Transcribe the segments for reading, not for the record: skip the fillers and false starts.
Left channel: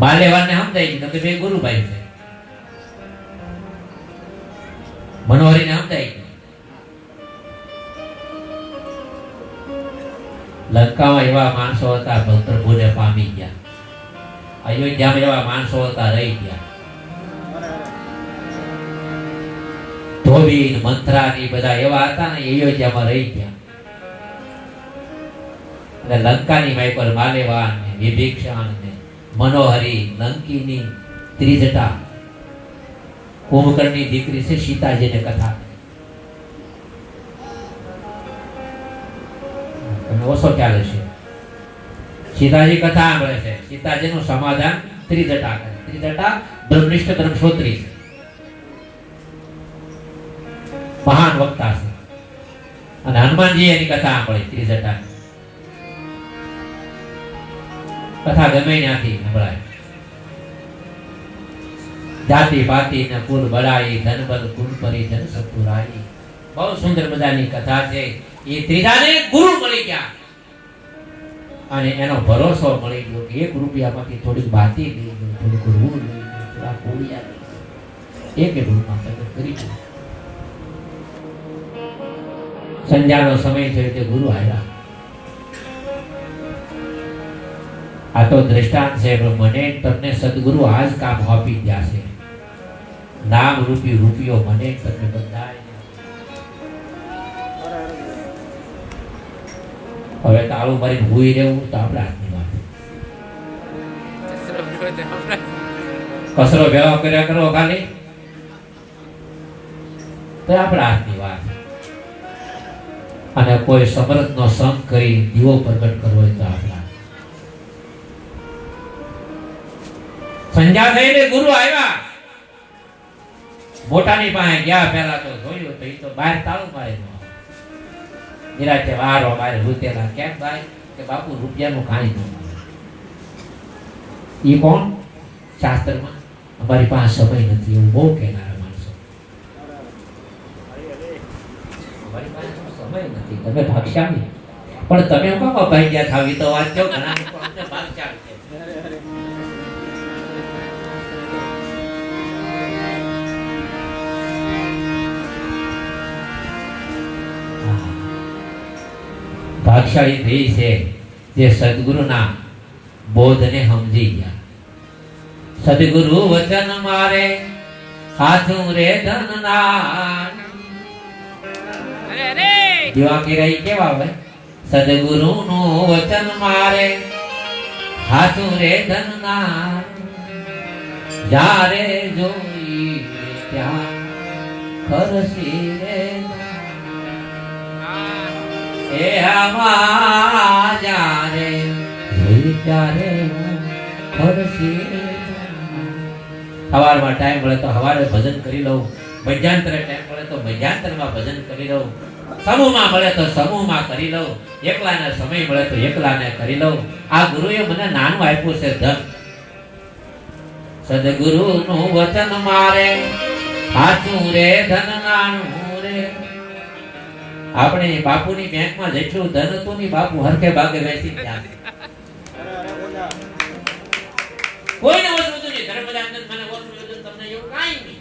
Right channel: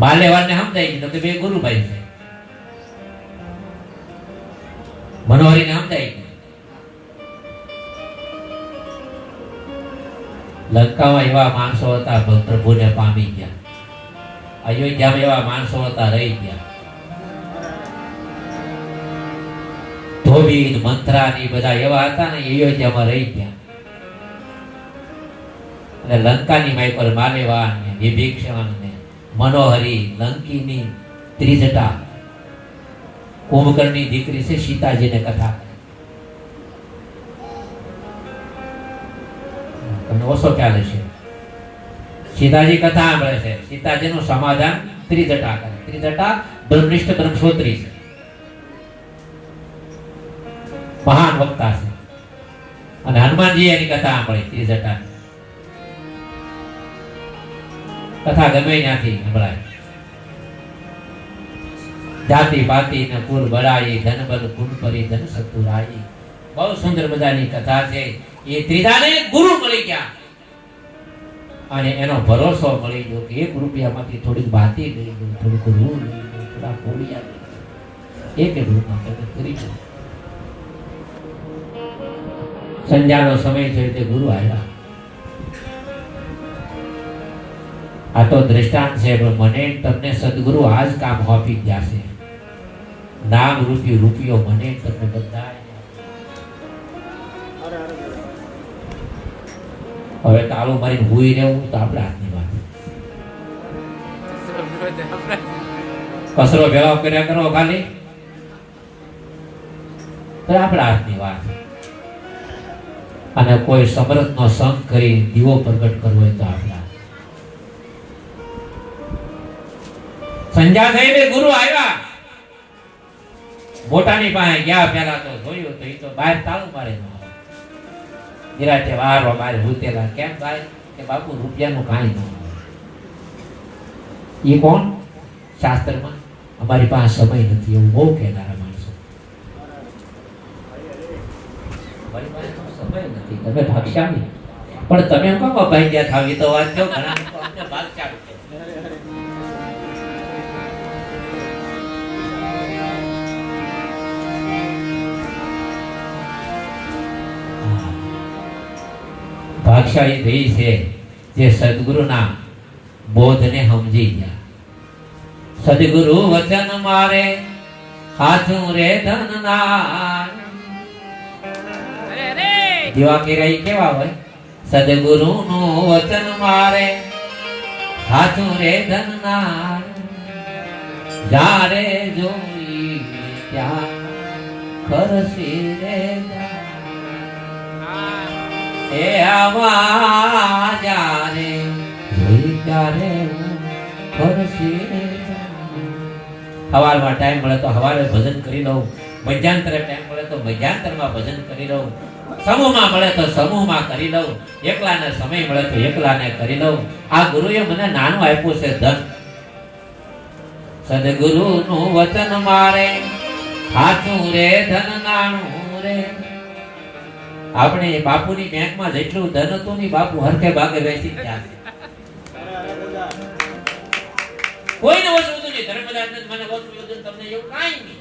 બાલેવાને સમજાય ગયું કે બે ગુરુભાઈ છે, મનોહરીને સમજાય ગયું. લંકામાં એવા માણસો હતા પ્રભુને પામી ગયા, અયોધ્યામાં એવા માણસો હતા રહી ગયા. ધોબી મંથરા ની બધા એવા હતા ને અયોધ્યામાં રહી ગયા. અને લંકાની માઈ પર માલેવાન ને વિભીષણ ને મનોહરી લંકીની ત્રિજટા કુંભકર્ણની દીકરી છે સીતાજીને કથા તમને ઓછો ખ્યાલ છે. સીતાજી કથા સાંભળે છે, સીતાજીનું સમાધાન ત્રિજટા કરે. ત્રિજટા બ્રહ્મનિષ્ઠ બ્રહ્મશ્રોત્રી છે, મહાન વક્તા છે. અને હનુમાનજી એની કથા સાંભળે ત્રિજટા કથા ગમે ત્યાંથી સંભળાય. જાતિ પાતિ ને કુલ બળાઈ ધન બલ ગુણ પરી ધન સતુરાઈ. બહુ સુંદર મજાની કથા છે. એ ત્રિજાને ગુરુ મળી ગયા અને એનો ભરોસો મળી ગયો કે 1 રૂપિયામાંથી થોડીક બાતી લઈ ગયો, થોડુંક રૂ લઈ ગયો, થોડા કોળિયા લઈ ગયો, એક રૂપમાં તમે કરી દો. સંધ્યાનો સમય થયો તે ગુરુ આવ્યા. આ તો દ્રષ્ટાંત છે, પણ મને તમને સદગુરુ આજ કામ આપી ગયા છે. નામ રૂપી રૂપિયો મને તમને બધાય. હવે તાળું મારીને હુઈ રહેવું તો આપણા હાથની વાત. કસરો ભેળો કર્યા કરો ખાલી તો આપણા હાથની વાત. અને કોઈ સમરથનો સંગ કરી દીવો પ્રગટ કરવો હોય તો આપણા. સંધ્યા થઈ ને ગુરુ આવ્યા. મોટાની પાસે ગયા, પહેલા તો જોયું તો એ તો બહાર તાળું મારે નિરાતે વારો બારે લૂટેલા. કેમ ભાઈ કે બાપુ રૂપિયાનું કાંઈ ન. એ કોણ? શાસ્ત્રમાં અમારી પાસે સમય નથી એવું બહુ કહેનારા માણસો. અમારી પાસે સમય નથી, તમે ભાગશાળી. પણ તમે કોમ ભાઈ ગયા ખાવી તો વાત કેવું ઘણા લોકો અમને ભાગશાળી છે. ભાગશાળી ભાઈ છે જે સદગુરુના બોધને સમજી ગયા. સદગુરુ વચન મારે હાથું રે ધનના. દીવા કિરાઈ કેવા હોય? સદગુરુનું વચન મારે હાથું રે ધનના. જ્યારે જોઈ ત્યાં કરસી રે એ આવા જારે ત્યારે ફરસી. સવારમાં ટાઈમ મળે તો સવારે ભજન કરી લઉં, મધ્યાંતરે ટાઈમ મળે તો મધ્યાંતરમાં ભજન કરી લઉં, સમૂહમાં મળે તો સમૂહમાં કરી લઉં, એકલાને સમય મળે તો એકલાને કરી લઉં. આ ગુરુએ મને નાનું આપ્યું છે ધન. સદગુરુનું વચન મારે સાચું રે ધન નાનું રે. આપણે બાપુની બેંકમાં જેટલું ધન હતું ને બાપુ હરખે ભાગે વેચી ગયા. કોઈને ઓછું હતું નહીં. ધર્મદાસ મને ઓછું હતું, તમને એવું કાંઈ નહીં.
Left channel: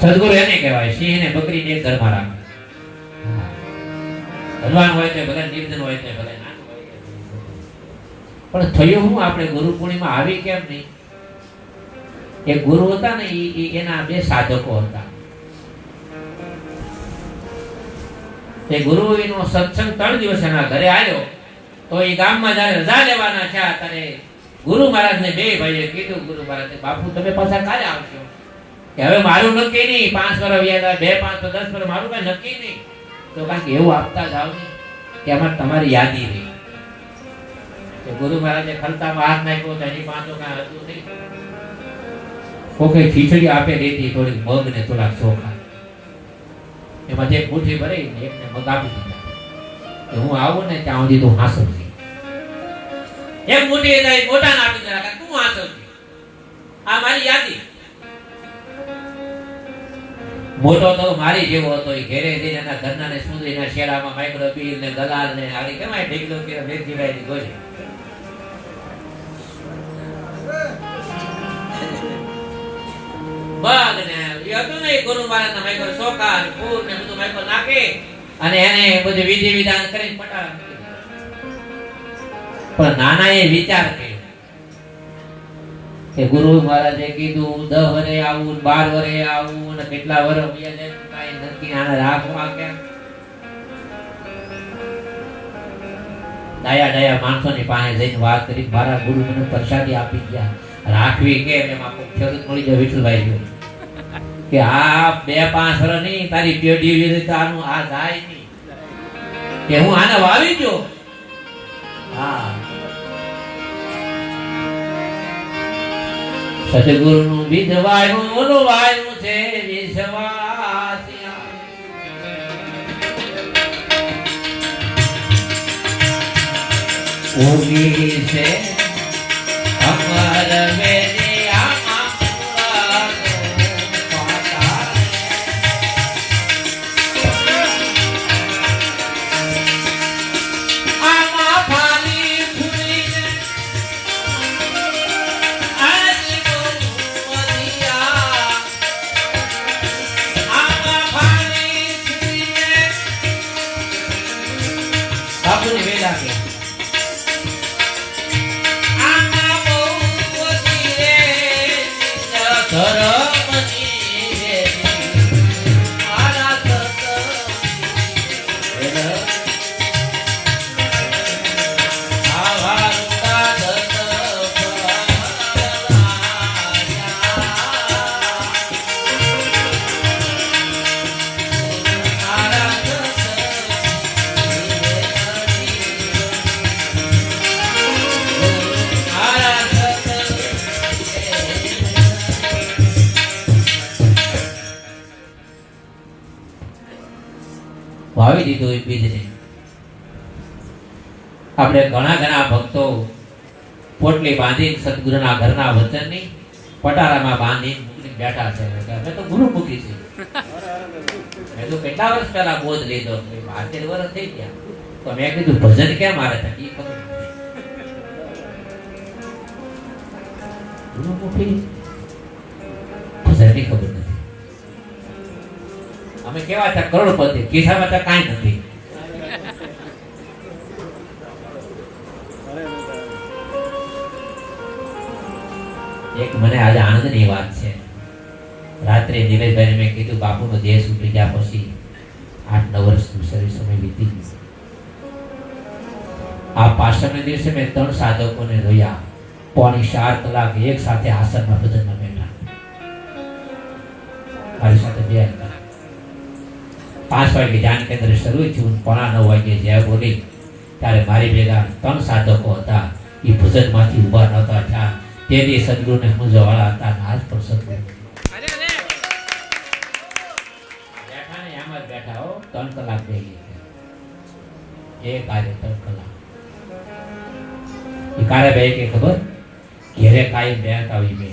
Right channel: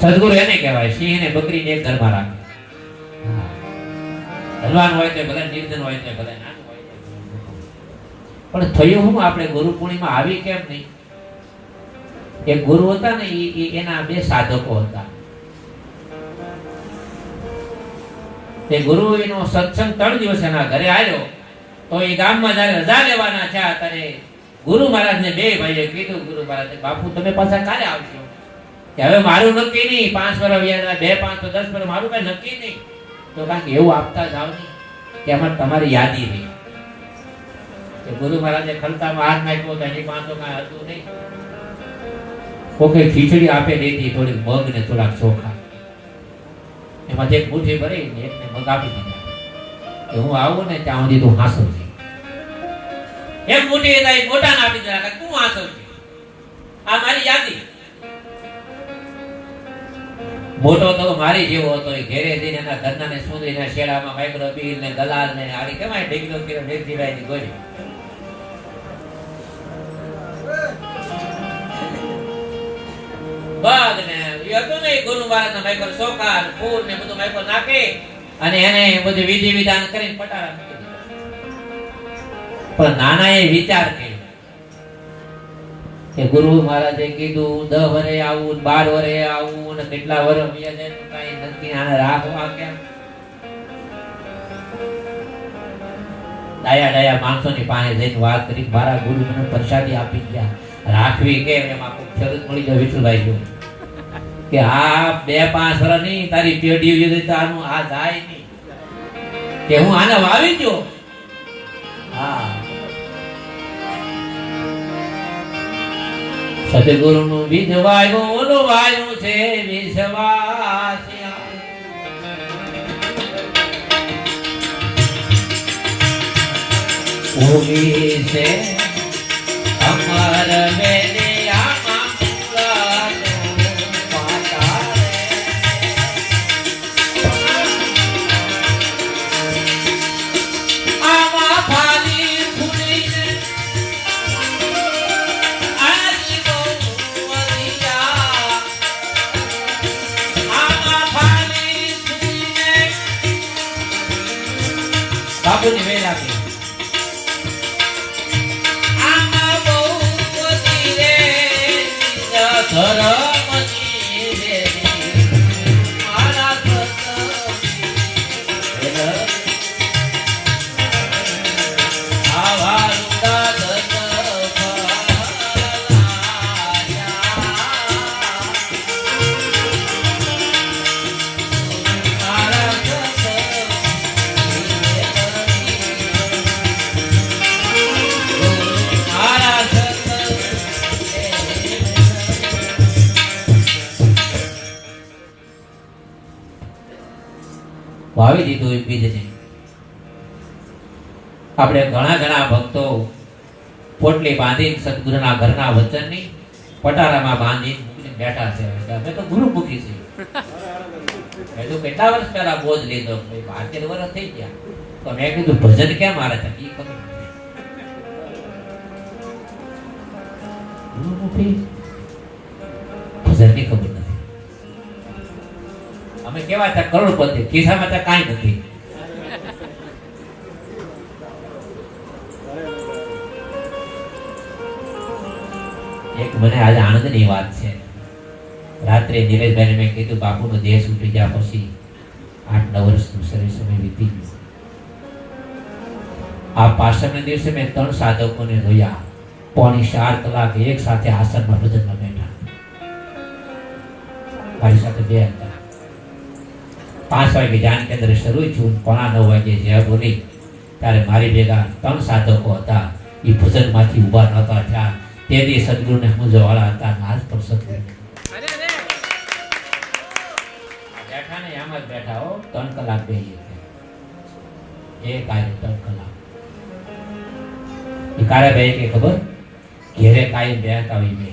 સદગુરુ એને કહેવાય સિંહ ને બકરી ને એક ઘરમાં રાખે. ધનવાન હોય તો ભલે, નિર્ધન હોય તો ભલે, નાનું હોય તો. પણ થયું હું આપણે ગુરુ પૂર્ણિમા આવી કેમ નહીં? કે ગુરુ હતા ને એના બે સાધકો હતા. તે ગુરુ એનો સત્સંગ 3 દિવસ એના ઘરે આવ્યો તો એ ગામમાં જયારે રજા લેવાના છે ત્યારે ગુરુ મહારાજને બે ભાઈએ કીધું, ગુરુ મહારાજ બાપુ તમે પાછા ક્યારે આવશો? કે હવે મારું નક્કી નહીં, 5 વર્ષ વ્યાજ 2, 5, 10 વર્ષ મારું કઈ નક્કી નહીં. તો કારણ કે એવું આપતા જાવ નહીં કે આમાં તમારી યાદી રહી. કે ગુરુ મહારાજે ખલતામાં હાથ નાખ્યો તો એની પાસે કાંઈ હતું નહીં. કોઈ ખીચડી આપે દેતી, થોડીક મગ ને થોડાક ચોખા, એમાં એક મુઠ્ઠી ભરી ને એકને મગ આપી દીધા કે હું આવું ને ત્યાં સુધી તું હાંસવજે. એક મુઠ્ઠી મોટાને આપી દીધા, તું હાંસવજે, આ મારી યાદી. મોટો તો મારી જેવો હતો. એ ઘેરે જઈને એના ઘરનાને સુધીને શેલામાં માઇક્રો બીલ ને ગલાલ ને આડી કેમાય ઢીકલો કે વેચીભાઈ ની ગોળી બાગ ને એ હતું ને ગુરુ મહારાજ ના માઇક્રો સોકાર ફૂલ ને બધું માઇક્રો નાખે અને એને બધું વિધિ વિધાન કરીને પટારા મૂકી દીધા. પણ નાના એ વિચાર કર્યો કે ગુરુ મહારાજે કીધું 10 વરે આવું 12 વરે આવું ને કેટલા વરે કઈ નથી આને રાખવા કે ડાયા માણસોની પાસે જઈને વાત કરી મારા ગુરુ મને પ્રસાદી આપી ગયા રાખવી કે એમાં કોઈ ખેડૂત મળી જાય વિઠ્ઠલભાઈ જોઈ કે આ 2-5 વર્ષ નહીં તારી પેઢી વિરુદ્ધ તો આનું આ જાય નહીં કે હું આને વાવી ગયો. હા સદગુરુ નું બીજ વાયું ઓલું વાયું છે વિશ્વાસ ઉગી છે અમર વેદે આમાં પાતા આમાં પાણી ફૂલી છે આજી બોલુરિયા આમાં પાણી ફૂલી છે બાપુની વેલા કે વાવી દીધું એ બીજને. આપણે ઘણા ભક્તો પોટલી બાંધીને સદગુરુના ઘરના વચનની પટારામાં બાંધીને બેઠા છે. અમે તો ગુરુ મૂકી છે. મેં તો કેટલા વર્ષ પહેલા બોધ લીધો 12 વર્ષ થઈ ગયા તો મેં કીધું ભજન કેમ મારે છે એ ખબર ગુરુ મૂકી ભજનની ખબર નથી. અમે કેવા હતા કરોડપતિ ખિસ્સામાં તો કાંઈ નથી. એક મને આજે આનંદની વાત છે. રાત્રે નિલેશભાઈને મેં કીધું બાપુનો દેહ છૂટી ગયા પછી 8-9 વર્ષનું શરીર સમય વીતી ગયું. આ પાછળના દિવસે મેં 3 સાધકોને જોયા 3.25 કલાક એક સાથે આસનમાં ભજનમાં બેઠા. મારી સાથે 2 હતા. 5 વાગે ધ્યાન કેન્દ્ર શરૂ થયું 9:15 વાગે જય બોલી ત્યારે મારી ભેગા 3 સાધકો હતા. એ ભજનમાંથી ઊભા નહોતા થયા. તેથી સદગુરુને સમજવાવાળા હતા. આજ પર સદગુરુ બેઠા ને એમ જ બેઠા હો 3 કલાક બેસી એક આજે 3 કલાક એ કારે બે કે ખબર ઘેરે કાઈ બેઠ આવી બે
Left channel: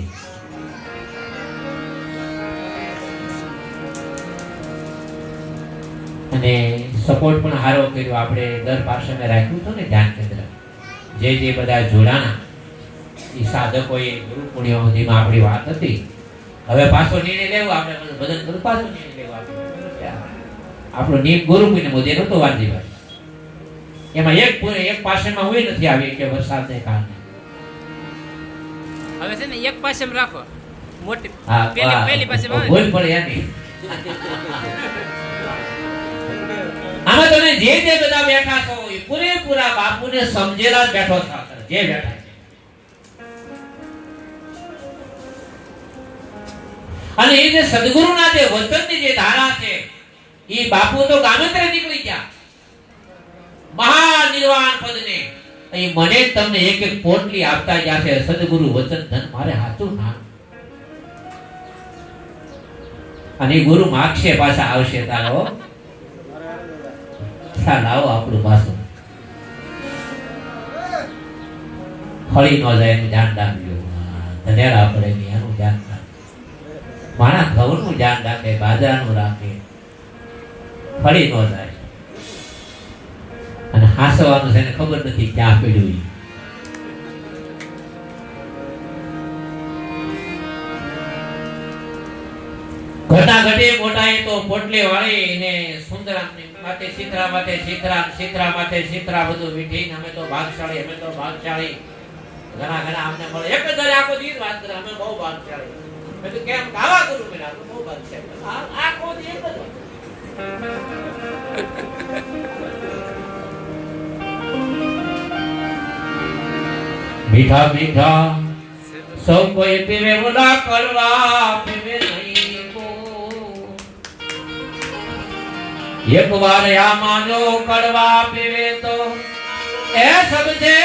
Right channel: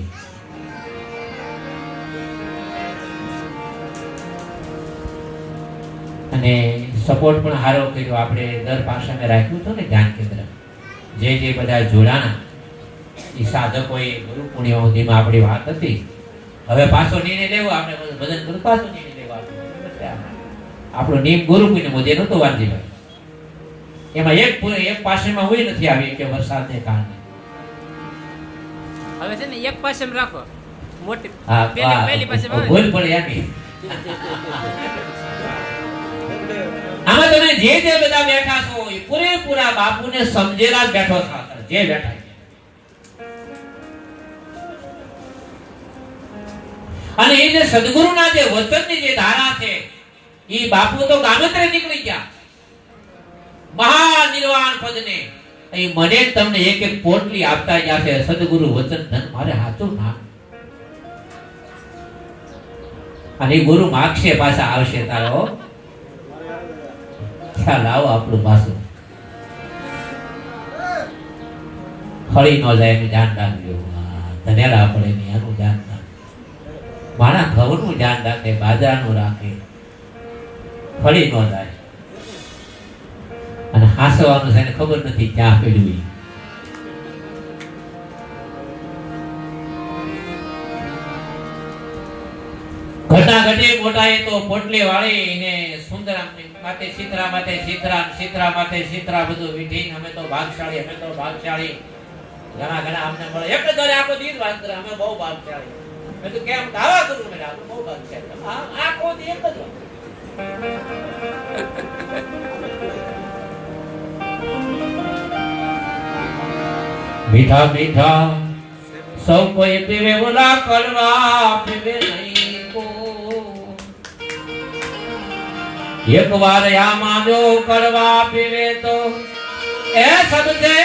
અને સપોર્ટ પણ હારો કર્યો. આપણે દર પાસાને રાખ્યું હતું ને ધ્યાન કેન્દ્ર જે બધા જોડાણા એ સાધકોએ ગુરુ પૂર્ણિમા સુધીમાં આપણી વાત હતી. હવે પાછો નિર્ણય લેવો આપણે ભજન કરું પાછો નિર્ણય લેવો આપણો નિયમ ગુરુ પૂર્ણિમા જે નતો વાલજીભાઈ એમાં એક પાસેમાં હોય નથી આવી કે વરસાદને કારણે હવે છે ને એક પાસે રાખો મોટી હા પેલી પાસે ભૂલ પડે એની આમાં તમે જે બધા બેઠા છો એ પૂરેપૂરા બાપુને સમજેલા બેઠો છો. જે બેઠા અને એ જે સદગુરુના જે વચનની જે ધારા છે એ બાપુ તો ગામત્રે નીકળી ગયા મહાનિર્વાણ પદને. અહીં મને તમને એક પોટલી આપતા ગયા છે સદગુરુ વચન ધન મારે હાચું ના અને ગુરુ માગશે પાછા આવશે તારો ખ્યાલ આવો આપણું પાછું હળી ન જાય એનું ધ્યાન રાખજો. ધન્યવાદ આપણે એનું ધ્યાન મારા ઘઉંનું ધ્યાન રાખે, બાજરાનું રાખે, ફળી ન જાય. અને હાંસવાનું છે એને ખબર નથી ક્યાં પડ્યું ઈ. ઘટના ઘટે મોટા એ તો પોટલી વાળી ને સુંદર માથે સીતરા માથે સીતરા, સીતરા માથે સીતરા બધું વીઠીને અમે તો ભાગશાળી, અમે તો ભાગશાળી. ઘણા ઘણા અમને મળે એક જ આખો દિવસ વાત કરે અમે બહુ ભાગશાળી. મેં તો કેમ ગાવા કરું મેં આપણે બહુ ભાગશાળી આખો દિવસ જ મીઠા મીઠા સૌ કોઈ પીવે બોલા કરવા પીવે નહીં કો. એક વાર આ માન્યો કડવા પીવે તો એ સબસે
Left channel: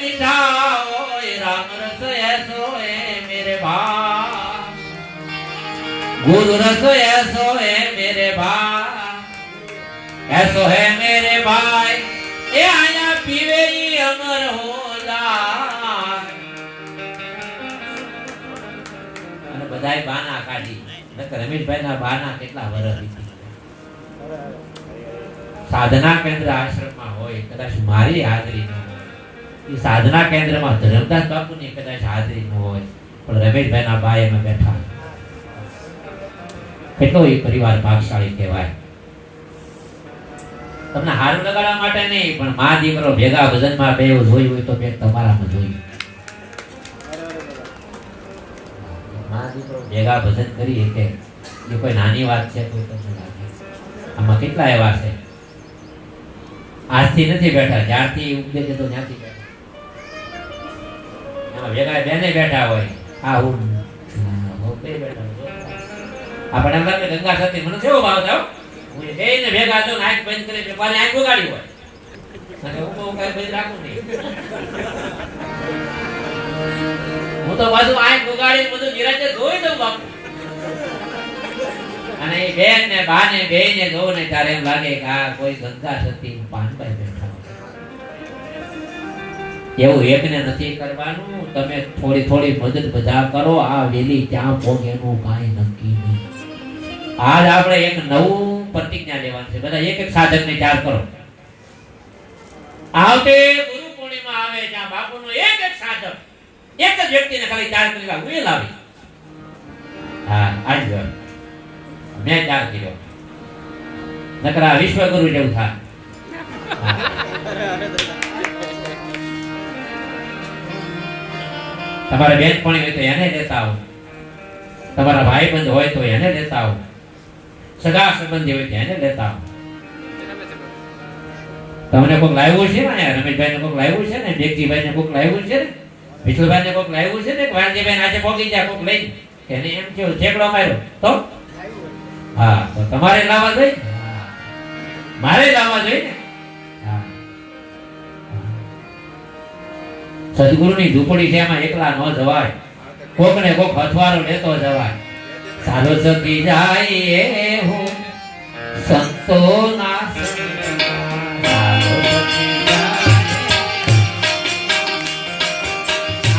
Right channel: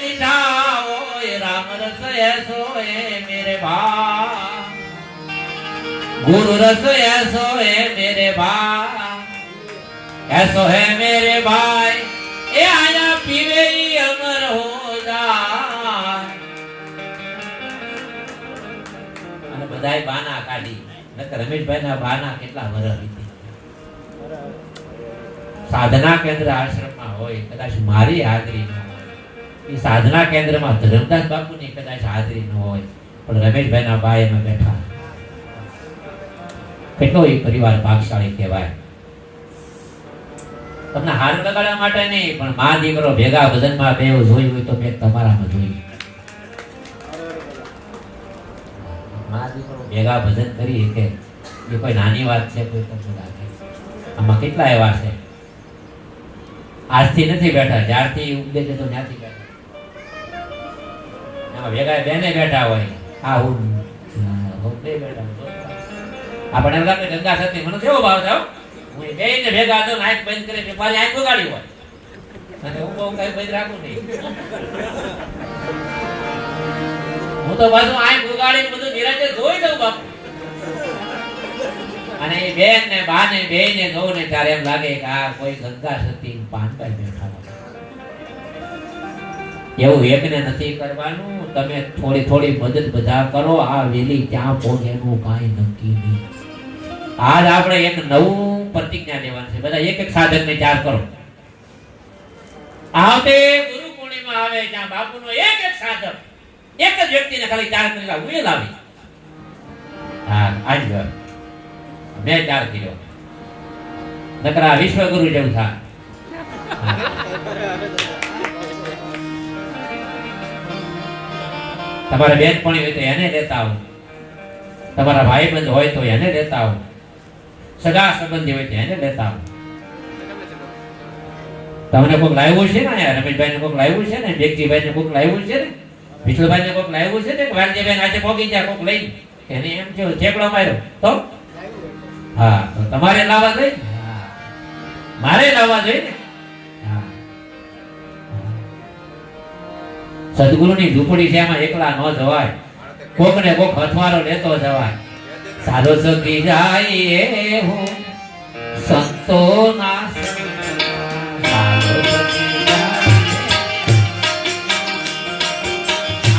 મીઠા હોય. રામ રસ એસો હે મેરે ભા, ગુરુ રસ એસો હે મેરે ભા, એસો હે મેરે ભાઈ. એ આયા પીવે ઈ અમર હો જાય. અને બધાય બાના કાઢી. નકર રમેશભાઈ ના બાના કેટલા વર્ષ વીતી. સાધના કેન્દ્ર આશ્રમમાં હોય, કદાચ મારી હાજરી ન હોય, એ સાધના કેન્દ્રમાં ધરમદાસ બાપુની કદાચ હાજરી ન હોય, પણ રમેશભાઈ ના ભાઈ એમાં બેઠા. કેટલો એ પરિવાર ભાગશાળી કહેવાય. તમને હાર લગાડવા માટે નહીં, પણ મા દીકરો ભેગા ભજનમાં બે જોયું હોય તો બે તમારામાં જોયું. મા દીકરો ભેગા ભજન કરી કે એ કોઈ નાની વાત છે? કોઈ તમને લાગે આમાં કેટલા એવા છે આજથી નથી બેઠા, જ્યારથી ઉપદેશ તો ત્યાંથી બેઠા. એમાં ભેગા બેને બેઠા હોય, આ હું બે બેઠા. આપણે એમ લાગે ગંગા સતી મને કેવો ભાવ થાવ, હું બે ને ભેગા જો આંખ બંધ કરી પાછી આંખ ઉગાડી હોય મને ઉભો કઈ બંધ રાખું નહીં. હું તો પાછું આંખ ઉગાડી બધું નિરાંતે જોઈ દઉં બાપુ. અને એ બેન ને બા ને બે ને જોઉં ને ત્યારે એમ લાગે કે આ કોઈ ગંગા સતી પાનભાઈ બેઠા. એવું એકને નથી કરવાનું. તમે થોડી થોડી મદદ બધા કરો. આ વેલી ક્યાં પહોંચે એનું કાંઈ નક્કી નહીં. આજ આપણે એક નવું પ્રતિજ્ઞા લેવાનું છે. બધા એક એક સાધક ને ચાર કરો. આવતે ગુરુ પૂર્ણિમા આવે ત્યાં બાપુનો એક એક સાધક એક જ વ્યક્તિને ખાલી 4 કિલો ઉમેલ આવી. હા આજ મેં 4 કિલો નકરા વિશ્વગુરુ જેવું થાય. તમારા બેનપણી હોય તો એને દેતા આવો, તમારા ભાઈ બંધ હોય તો એને દેતા આવો, સગા સંબંધી હોય તો એને દેતા આવો. તમને કોઈક લાવ્યું છે ને, રમેશભાઈ ને કોઈક લાવ્યું છે ને, દેગજીભાઈ ને કોઈક લાવ્યું છે ને, વિઠ્ઠલભાઈ ને કોઈક લાવ્યું છે ને, વાલજીભાઈ આજે પોગી જાય કોઈક લઈ એને એમ કેવું ઠેકડો માર્યો તો હા તો તમારે લાવવા જોઈએ, મારે લાવવા જોઈએ ને. સદગુરુની ઝૂંપડી છે એમાં એકલા ન જવાય, કોક ને કોક અથવારો લેતો જવાય. સાધુ સખી જાય હું સંતો ના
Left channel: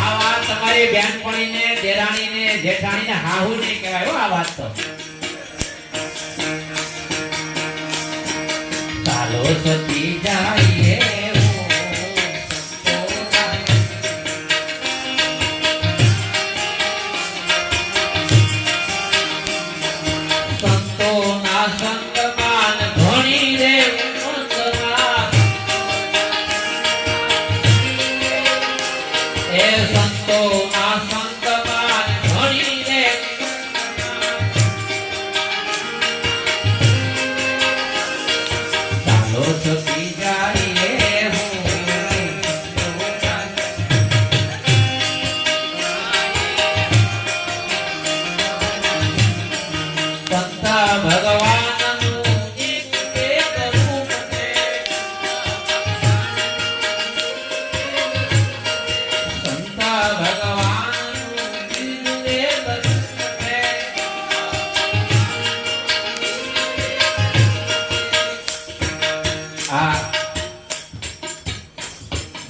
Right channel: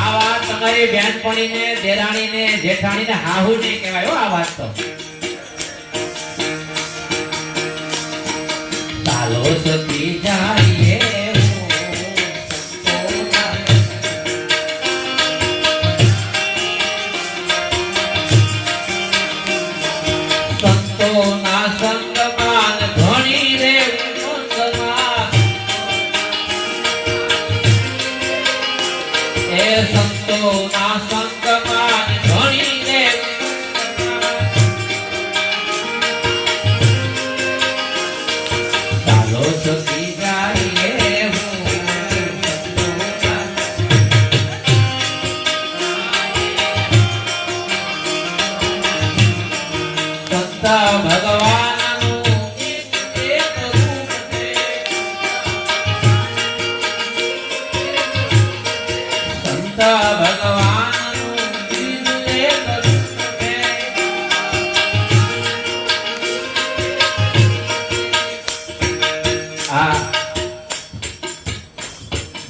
આ વાત તમારી બેનપણી ને દેરાણી ને જેઠાણી ને હાહુ નહીં કહેવાય આ વાત તો. સાલો સખી જાય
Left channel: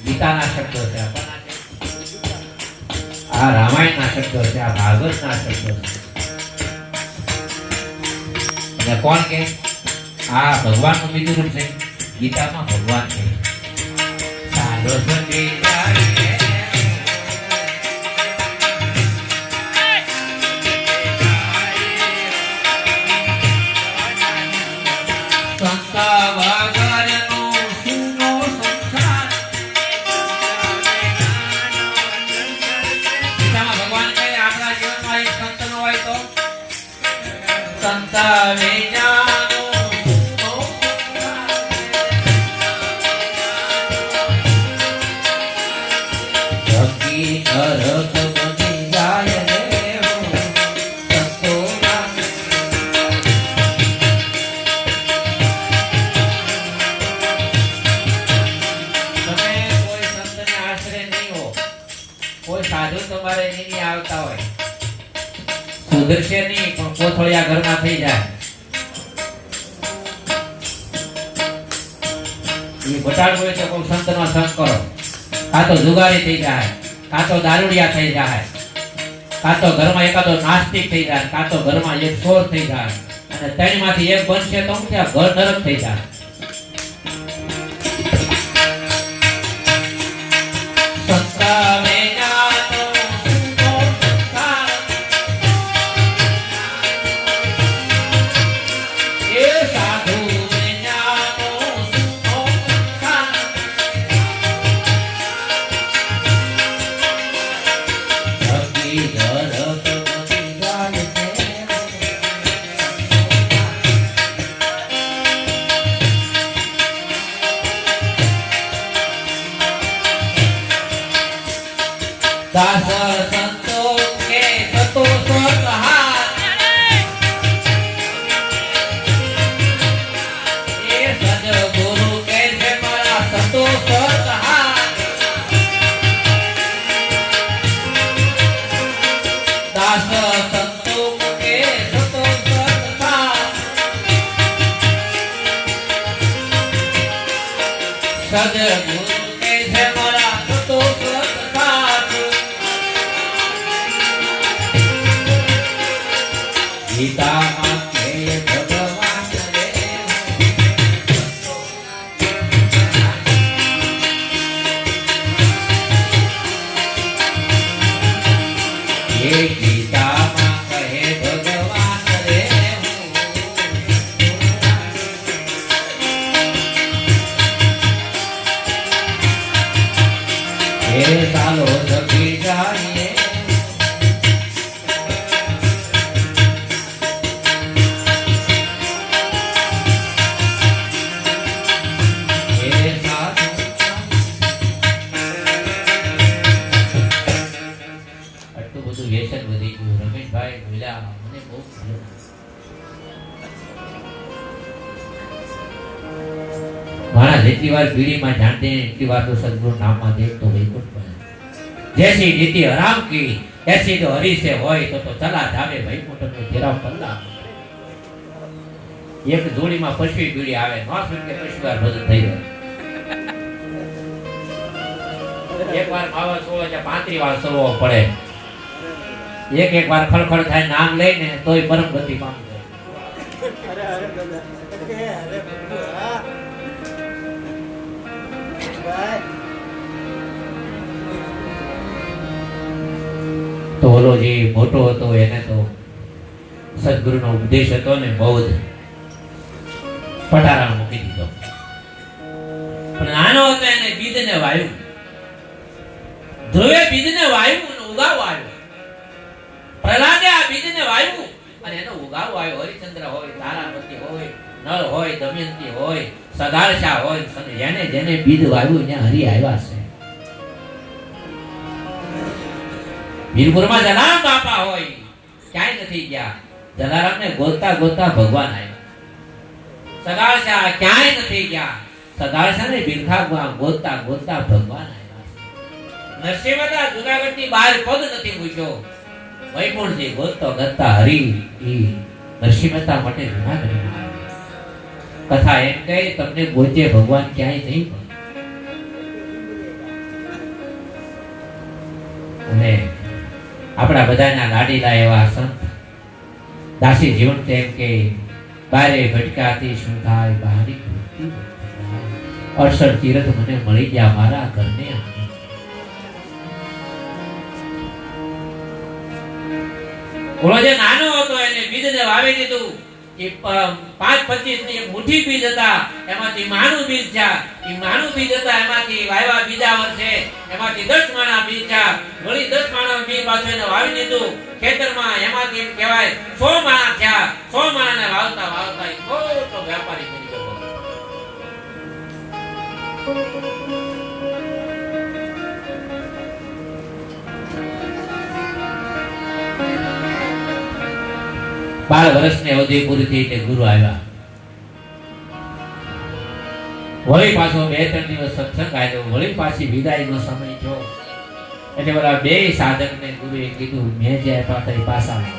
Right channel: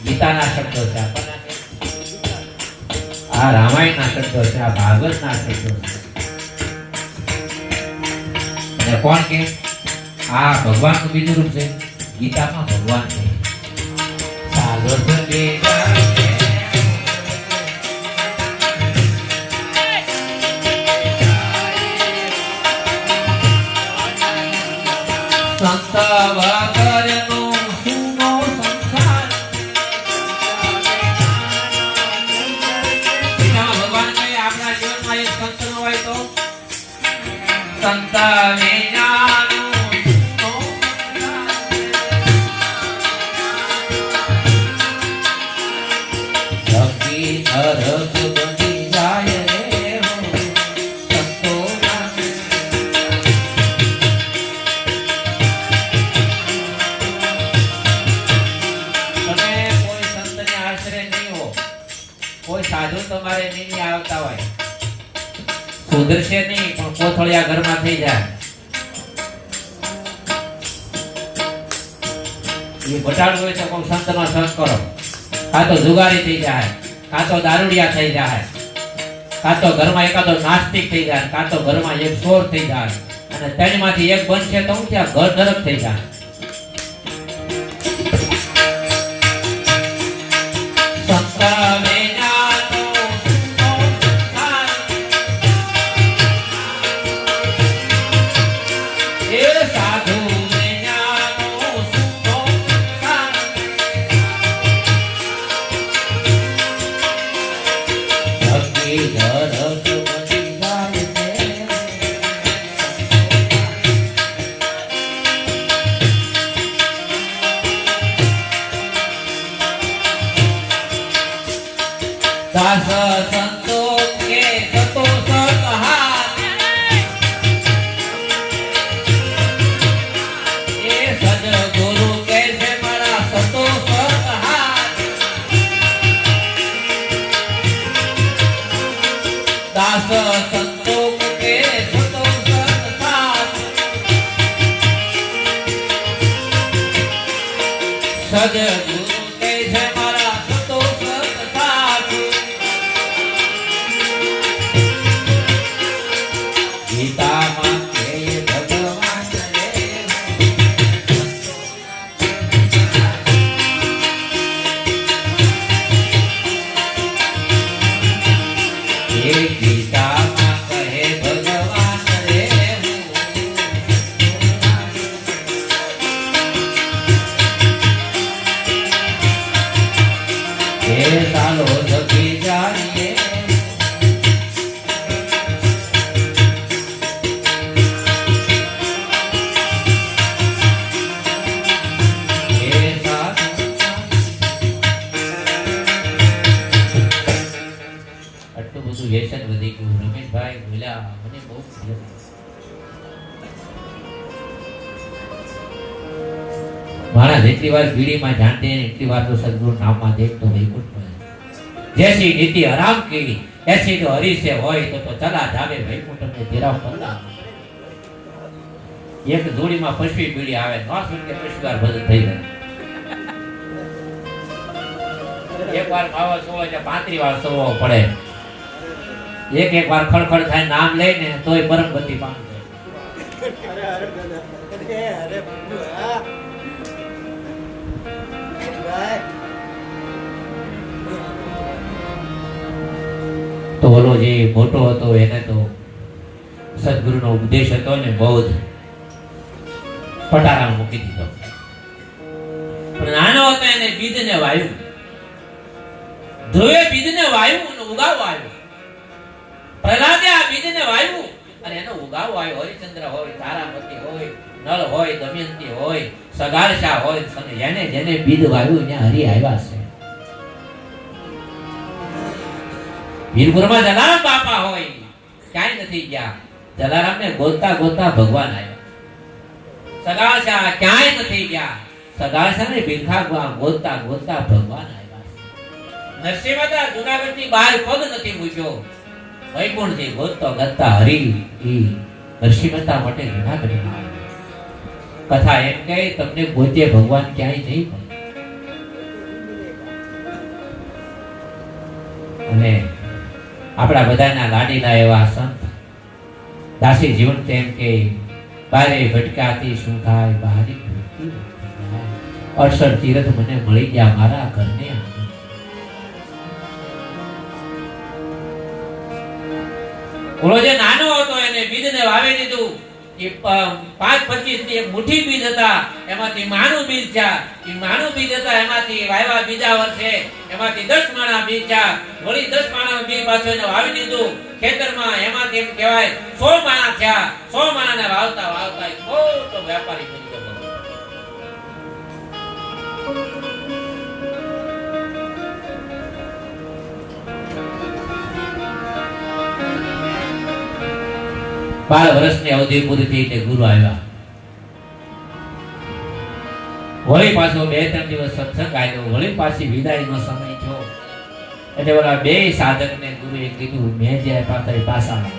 ગીતાના શબ્દો છે, આ રામાયણના શબ્દો છે, આ ભાગવતના શબ્દો છે. એટલે કોણ કે આ ભગવાનનું બીજું રૂપ છે. ગીતામાં ભગવાન છે સાધો સંગે જાય સંતા વગરનો સુનો સંસાર. ગીતામાં ભગવાન કહે આપણા જીવનમાં એક સંત ન હોય તો સંતા વિનાનો સુનો સંસાર. જગી અરસ બની જાય રે સંતોના. કોઈ સાધુ તમારે નહીં આવતા હોય, સુધરશે નહીં પણ કોથળિયા ઘરમાં થઈ જાય. એ બટાડું હોય તો કોઈ સંતનો સંગ કરો, કાં તો જુગારી થઈ જાય, કાં તો દારૂડિયા થઈ જાય, કાં તો ઘરમાં એકાદો નાસ્તિક થઈ જાય, કાં તો ઘરમાં એક ચોર થઈ જાય, અને ત્રણમાંથી એક બનશે તો હું ત્યાં ઘર નરક થઈ જાય. સંતા દાસ સંતો કે સતો સતહાર. એ સદગુરુ કહે છે મારા સતો સતહાર. દાસ સંતો કે સતો સતહાર. સદગુરુ કહે છે મારા સતો સતહાર. ગીતામાં કહે ભગવાન રે એ ગીતામાં કહે ભગવાન રે એ ચાલો સખી જાણીએ. વ્યસન વધી ગયું. રમેશભાઈ બોલ્યા મને બહુ ગમ્યું. મારા જેટલી વાર પીડીમાં જાણતે એટલી વાર તો સદગુરુ નામમાં દેખતો વૈકુંઠ માં. જૈસી નીતિ હરામ કી એસી તો હરી સે હોય તો ચલા જાવે વૈકુંઠ में तेरा पल्ला. એક જોડીમાં પશ્વી પીડી આવે નો સુન કે પશ્વાર ભજન થઈ જાય. એક વાર ખાવા સોવા છે 35 વાર સવો પડે. એક વાર ખળખળ થાય નામ લઈને તોય પરમ ગતિ પામી જાય. તો ઓલો જે મોટો હતો એને તો સદગુરુનો ઉપદેશ હતો ને બૌદ્ધ પટારામાં મૂકી દીધો. પણ નાનો હતો એને બીજને વાયુ, ધ્રુવે બીજને વાયુ અને ઉગાવ આવ્યો. પ્રહલાદે આ બીજને વાયુ અને એનો ઉગાવ આવ્યો. હરિચંદ્ર હોય, તારાપતિ હોય, નળ હોય, દમયંતી હોય, સગારશા હોય, જેને જેને બીજ વાયુ ત્યાં હરિ આવ્યા છે. વીરપુરમાં જલારામ બાપા હોય ક્યાંય નથી ગયા. જલારામને ગોતતા ગોતતા ભગવાન આવ્યા. સગારશા ક્યાંય નથી ગયા. સગારશાને ભીખા ગોતતા ગોતતા ભગવાન આવ્યા. નરસિંહતા જુનાગઢની બહાર પગ નથી મૂક્યો. વૈકુંઠથી ગોતતો ગોતતા હરિ નરસિંહતા માટે જુનાગઢમાં આવ્યા. કથા એમ કહે તમને ગોતે ભગવાન ક્યાંય નહીં મળે. અને આપણા બધાના લાડીલા એવા સંત દાસી જીવન એમ કે બારે ભટકાતી શું થાય બહારી અડસઠ તીરથ મને મળી ગયા મારા ઘરને આંગણે. ઓલો જે નાનો હતો એને બીજને વાવી દીધું. એ 5-25 ની એક મુઠ્ઠી બીજ હતા, એમાંથી માનું બીજ છે. એ માનું બીજ હતા એમાંથી વાવ્યા બીજા વર્ષે, એમાંથી 10 માણા બીજ છે. વળી 10 માણાનું બીજ પાછું એને વાવી દીધું ખેતરમાં. એમાંથી એમ કહેવાય 100 માણા થયા. 100 માણાને વાવતા વાવતા એ મોટો વ્યાપારી બની ગયો. બાર વર્ષની અવધિ પૂરી થઈ એટલે ગુરુ આવ્યા. વળી પાછો 2-3 દિવસ સત્સંગ આવ્યો. વળી પાછી વિદાયનો સમય થયો એટલે ઓલા બે સાધકને ગુરુએ કીધું મેં જે આપ્યા હતા એ પાછા આવો.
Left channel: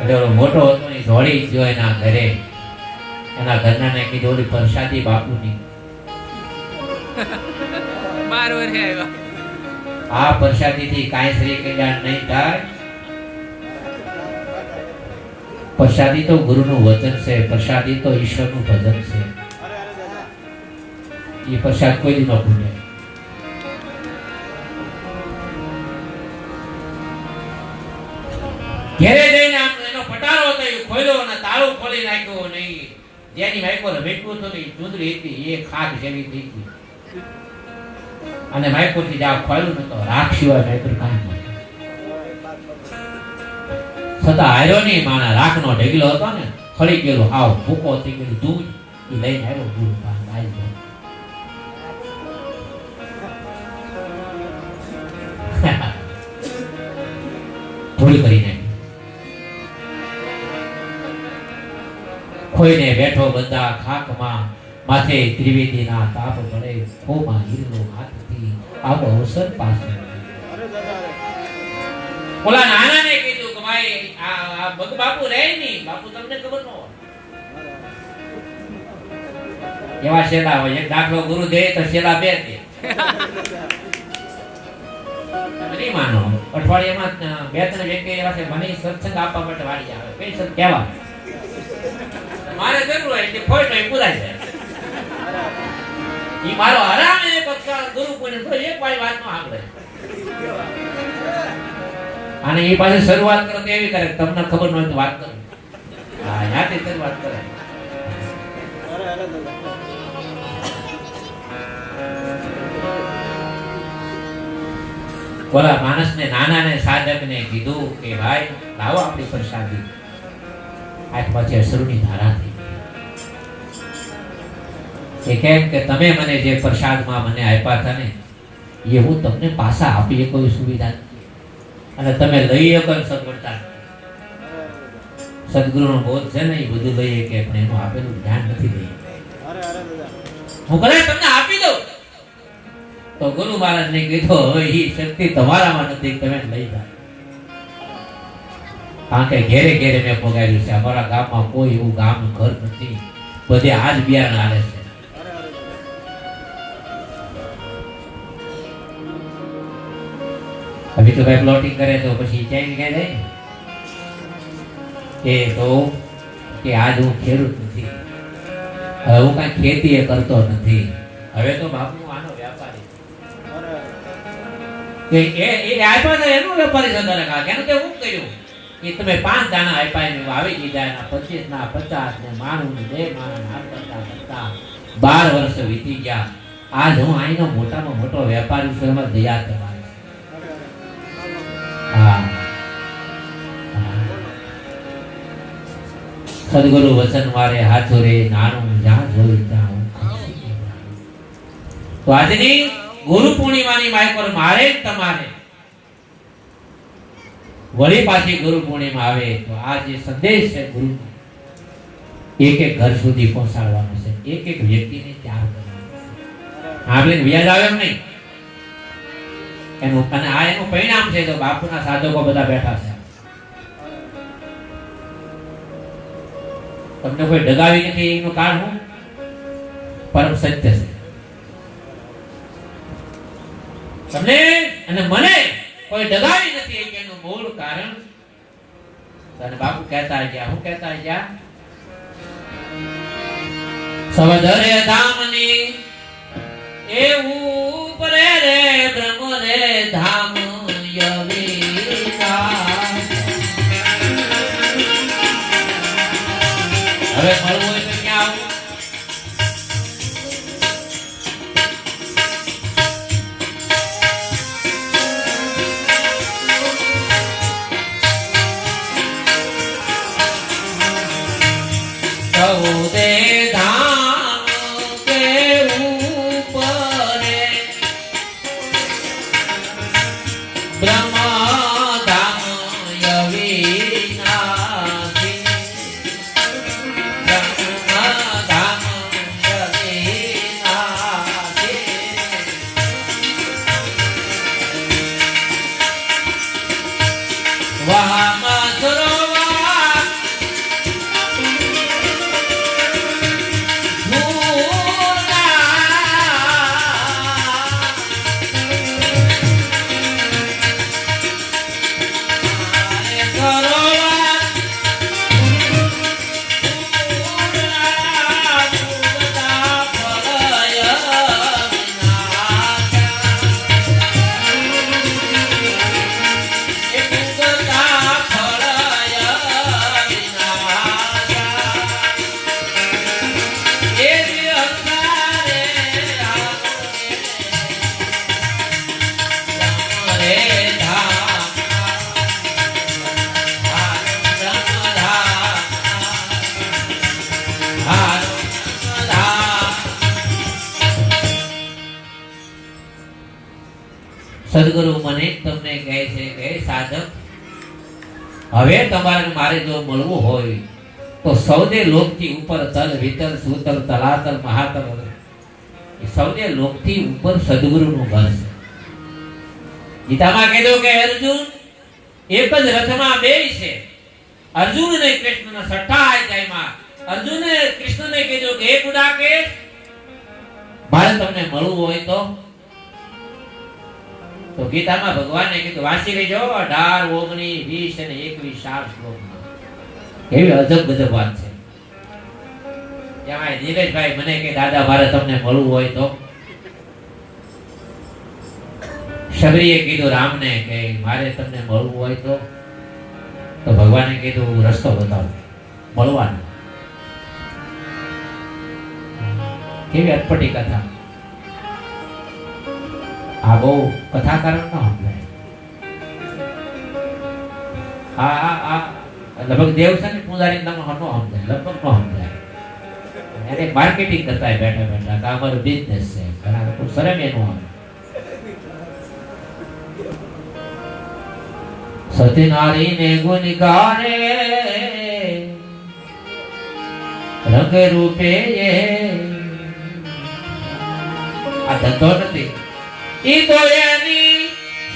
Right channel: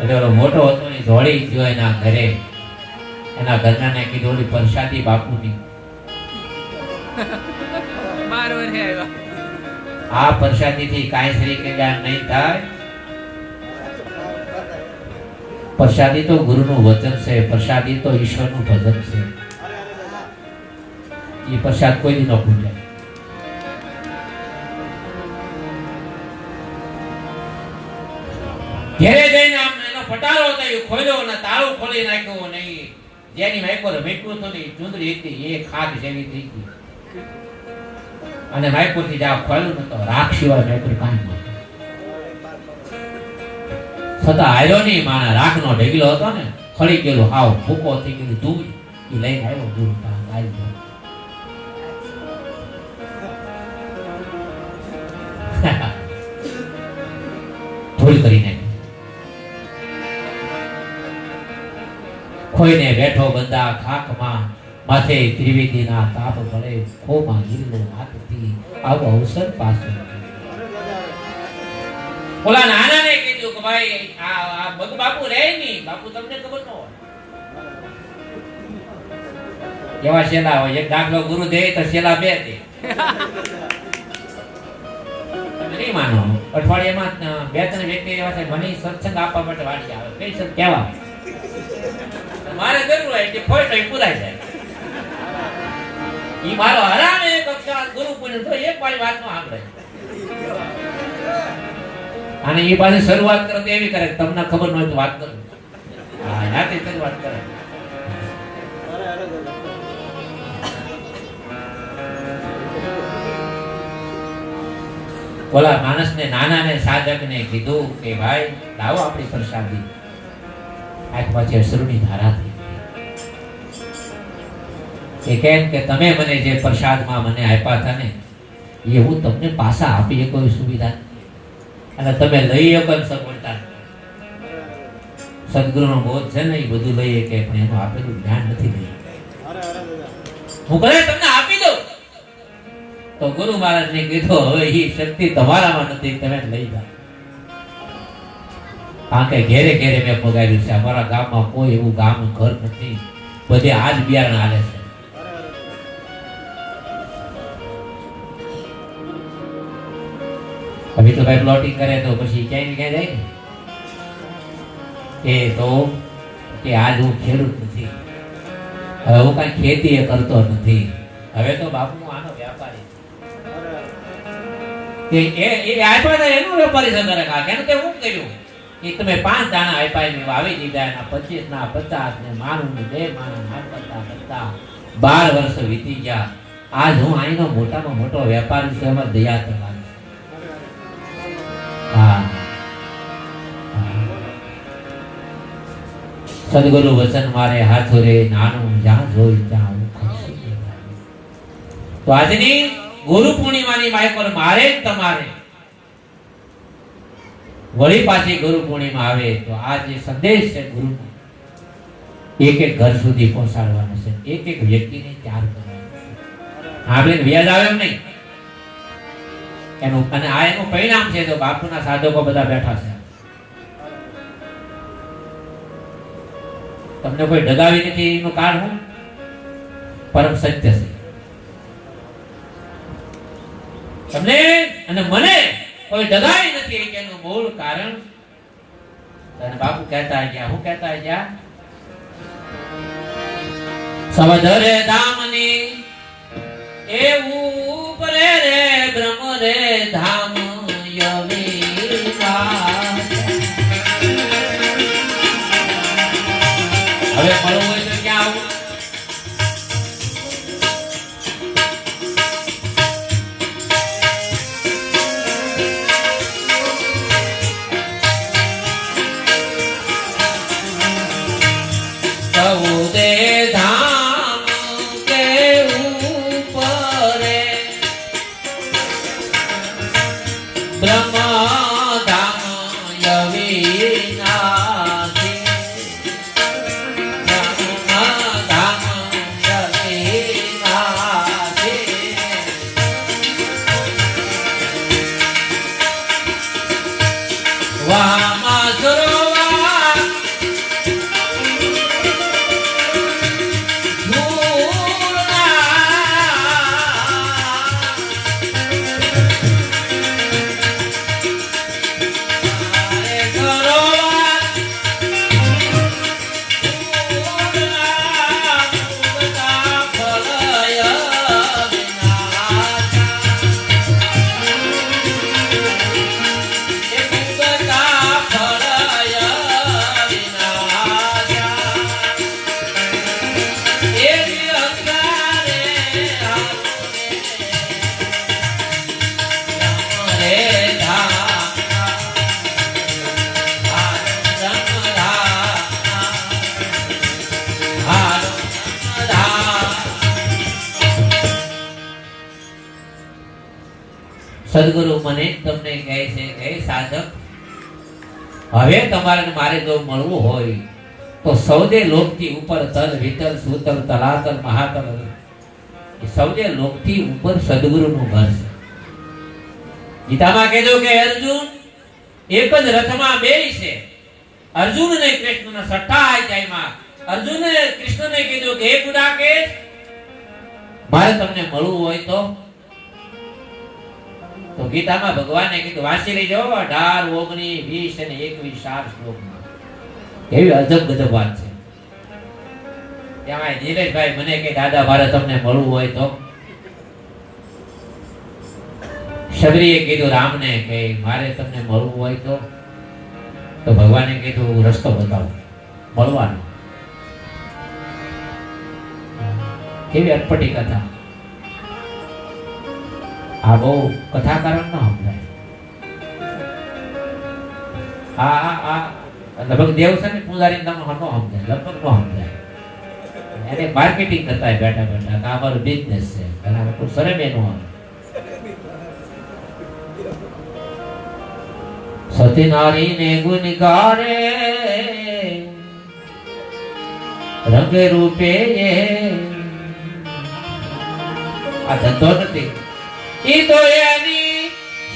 એટલે ઓલો મોટો હતો એ દોડી ગયો એના ઘરે. એના ઘરનાને કીધું ઓલી પ્રસાદી બાપુની 12 વર્ષે આવ્યા. આ પ્રસાદીથી કાંઈ શ્રી કલ્યાણ નહીં થાય. પ્રસાદી તો ગુરુનું વચન છે, પ્રસાદી તો ઈશ્વરનું ભજન છે. એ પ્રસાદ કોઈ દી ન ભૂલે. ઘેરે જઈને આમ એનો પટારો હતો એ ખોલ્યો અને તાળું ખોલી નાખ્યો નહીં. જેની માઇકો મેટવું તો નહીં ચુંદડી હતી એ ખાક જેવી થઈ ગઈ. અને માઇકોથી જાવ ખોલ્યું ને તો રાખ સિવાય માઇકો કાંઈ નહીં. છતાં આવ્યો નહીં. મારા રાખનો ઢગલો હતો ને ખડી ગયેલો હાવ ભૂકો થઈ ગયેલું દૂધ એ લઈને આવ્યો. ગુરુ આવી ગયો. ભૂલ કરી નાખી. ખોઈને બેઠો બંદા ખાકમાં માથે ત્રિવેદીના તાપ પડે ખોમાં હિરલો હાથથી આવો અવસર પાસે. ઓલા નાનાને કીધું કે ભાઈ આ બગ બાપુ રહે નહીં. બાપુ તમને ખબર ન હોય એવા શેલા હોય. એક દાખલો ગુરુ દે તો શેલા 2 દે. નહીં માનો. અઠવાડિયામાં 2-3 વ્યક્તિ એવા છે મને સત્સંગ આપવા માટે વાળી આવે. કઈ સત કહેવા મારે જરૂર હોય એટલે કોઈ કઈ પુરાઈ જાય. ઈ મારો હરામે એક અક્ષર ગુરુ પુણ્ય તો એક વાળી વાત નો સાંભળે. અને એ પાસે શરૂઆત કરે તો એવી કરે તમને ખબર ન હોય તો વાત કરો. હા યાથી શરૂઆત કરે. ઓલા માણસને નાનાને સાધકને કીધું કે ભાઈ લાવો આપણી પ્રસાદી. આજ પછી અસુરની ધારા થઈ. એ કેમ કે તમે મને જે પ્રસાદમાં મને આપ્યા હતા ને એ હું તમને પાછા આપી કોઈ સુવિધા અને તમે લઈ શકો સગવડતા. સદગુરુનો બોધ છે ને એ બધું લઈએ કે પણ એનું આપેલું જ્ઞાન નથી લઈ. હું કદાચ તમને આપી દઉં તો ગુરુ મહારાજને કીધું હવે એ શક્તિ તમારામાં નથી, તમે લઈ જાઓ. કારણ કે ઘેરે ઘેરે મેં પગાર્યું છે. અમારા ગામમાં કોઈ એવું ગામ ઘર નથી, બધે આજ બિયારણ હાલે છે. હવે તો કઈ પ્લોટિંગ કરે તો પછી ક્યાંય ક્યાં જાય ને એ તો કે આજ હું ખેડૂત નથી, હવે હું કઈ ખેતી કરતો નથી, હવે તો બાપુ આનો વ્યાપારી કે એ આપ્યા તો એનો વેપારી સંદર કેમ કે હું કર્યું કે તમે 5 દાણા આપ્યા મેં વાવી દીધા. એના 25 ના 50 ને માનું ને 2 માનું ના કરતા 12 વર્ષ વીતી ગયા. આજ હું અહીંનો મોટામાં મોટો વેપારી છું. એમાં દયા તમારી. હા સદગુરુ વચન મારે હાથો રે નાનું જ્યાં જોઈ ત્યાં ખુશી. તો આજની ગુરુ પૂર્ણિમાની માય મારે તમારે વળી પાછી ગુરુ પૂર્ણિમા આવે તો આ જે સંદેશ છે ગુરુ એક એક ઘર સુધી પહોંચાડવાનો છે. એક એક વ્યક્તિને ત્યાર કરવાનો છે. આપણે વ્યાજ આવે એમ નહીં એનું. અને આ એનું પરિણામ છે. તો બાપુના સાધકો બધા બેઠા છે. તમને કોઈ ડગાવી નથી એનું કારણ હું પરમ સત્ય છે. તમને અને મને કોઈ ડગાવી નથી એનું મૂળ કારણ અને બાપુ કહેતા ગયા, હું કહેતા ગયા? સવધરે ધામની એવું પરે રે બ્રહ્મ રે ધામ યવીના. હવે મળવું હોય તો ક્યાં આવું? સૌદે ધામ કે ઉપરે બ્રહ્મ ધામ યવીનાથી. બ્રહ્મ ધામ યવીનાથી. વામા સરોવર સદગુરુ મને તમને કહે છે કે સાધક, હવે તમારે મારે જો મળવું હોય તો સૌદે લોકથી ઉપર તલ વિતલ સુતલ તલાતલ મહાતલ એ સૌદે લોકથી ઉપર સદગુરુનું ઘર છે. ગીતામાં કીધું કે અર્જુન એક જ રથમાં બેય છે. અર્જુન ને કૃષ્ણના સઠ્ઠા અધ્યાયમાં અર્જુને કૃષ્ણને કીધું કે હે ગુડાકેશ, મારે તમને મળવું હોય તો ગીતામાં ભગવાને કીધું, વાંચી લેજો 18, 19, 20 અને 21 4 શ્લોકમાં. કેવી અજબ ગજબ વાત છે. ત્યાં નીલેશભાઈ મને કે દાદા મારે તમને મળવું હોય તો. શબરીએ કીધું રામને કે મારે તમને મળવું હોય તો ભગવાને કીધું રસ્તો બતાવો મળવાનો. કેવી અટપટી કથા. આ બહુ કથાકારણ ન સમજાય. આ લગભગ દેવ છે ને પૂજારી નામ ન સમજાય, લગભગ ન સમજાય. એને માર્કેટિંગ કરતા હોય બેઠા બેઠા કે અમારું બિઝનેસ છે. ઘણા લોકો શરમ એનું આવે. સતી નારી ને ગુણ ગારે રંગ રૂપે આ ધંધો નથી. ઈ તો એની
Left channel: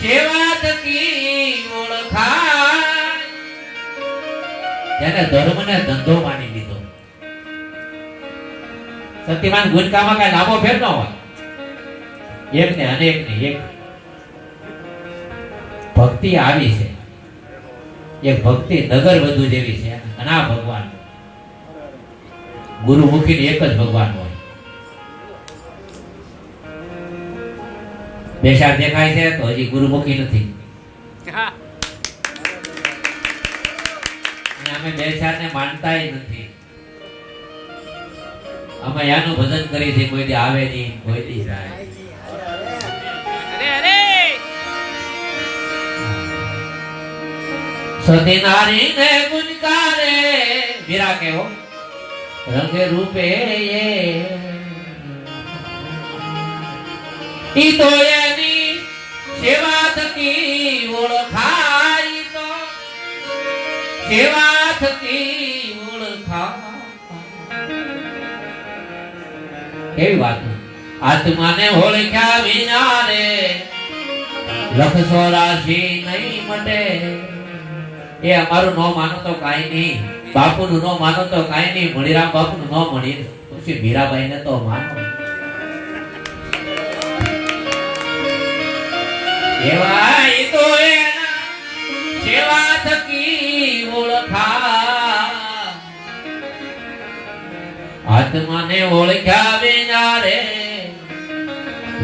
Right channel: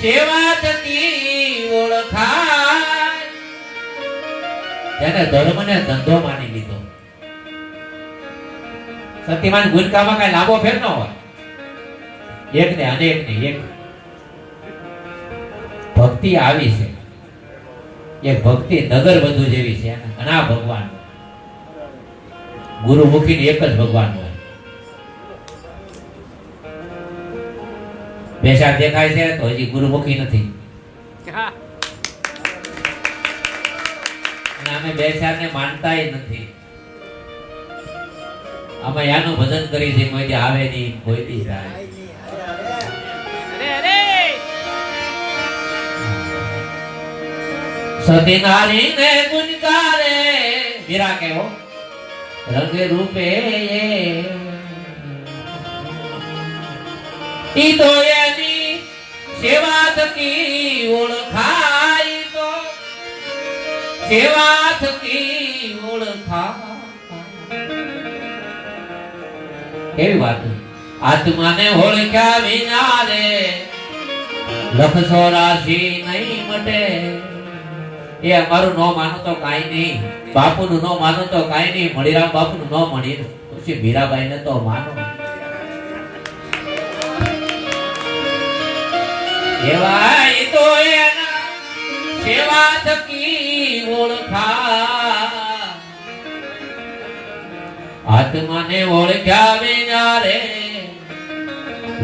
સેવા થકી ઓળખાય. જેને ધર્મને ધંધો માની લીધો. સતીમાન ગુણકામાં કઈ લાંબો ફેર ન હોય. એક ને અનેક ને એક. ભક્તિ આવી છે. એક ભક્તિ નગર વધુ જેવી છે. ઘણા ભગવાન ગુરુમુખી એક જ ભગવાન હોય. બેસાર દેખાય છે તો હજી ગુરુમુખી નથી. અને અમે બેસારને માનતાય નથી. અમે યાનું ભજન કરી છે, કોઈ દી આવે નહીં, કોઈ દી જાય. સતી નારી ને ગુણકારે વીરા કેવો રંગ રૂપે ઈ તો એની સેવા થકી ઓળખાય. તો સેવા થકી ઓળખાય. કેવી વાત. આત્માને ઓળખ્યા વિના રે લખ 84 નહીં મટે. એ અમારું ન માનો તો કાઈ નહીં, બાપુનું ન માનો તો કાઈ નહીં, મણીરામ બાપુનું ન મળી પછી મીરાબાઈને તો માનો. એવા એ તો એના સેવા થકી ઓળખાય. આત્માને ઓળખ્યા વિના રે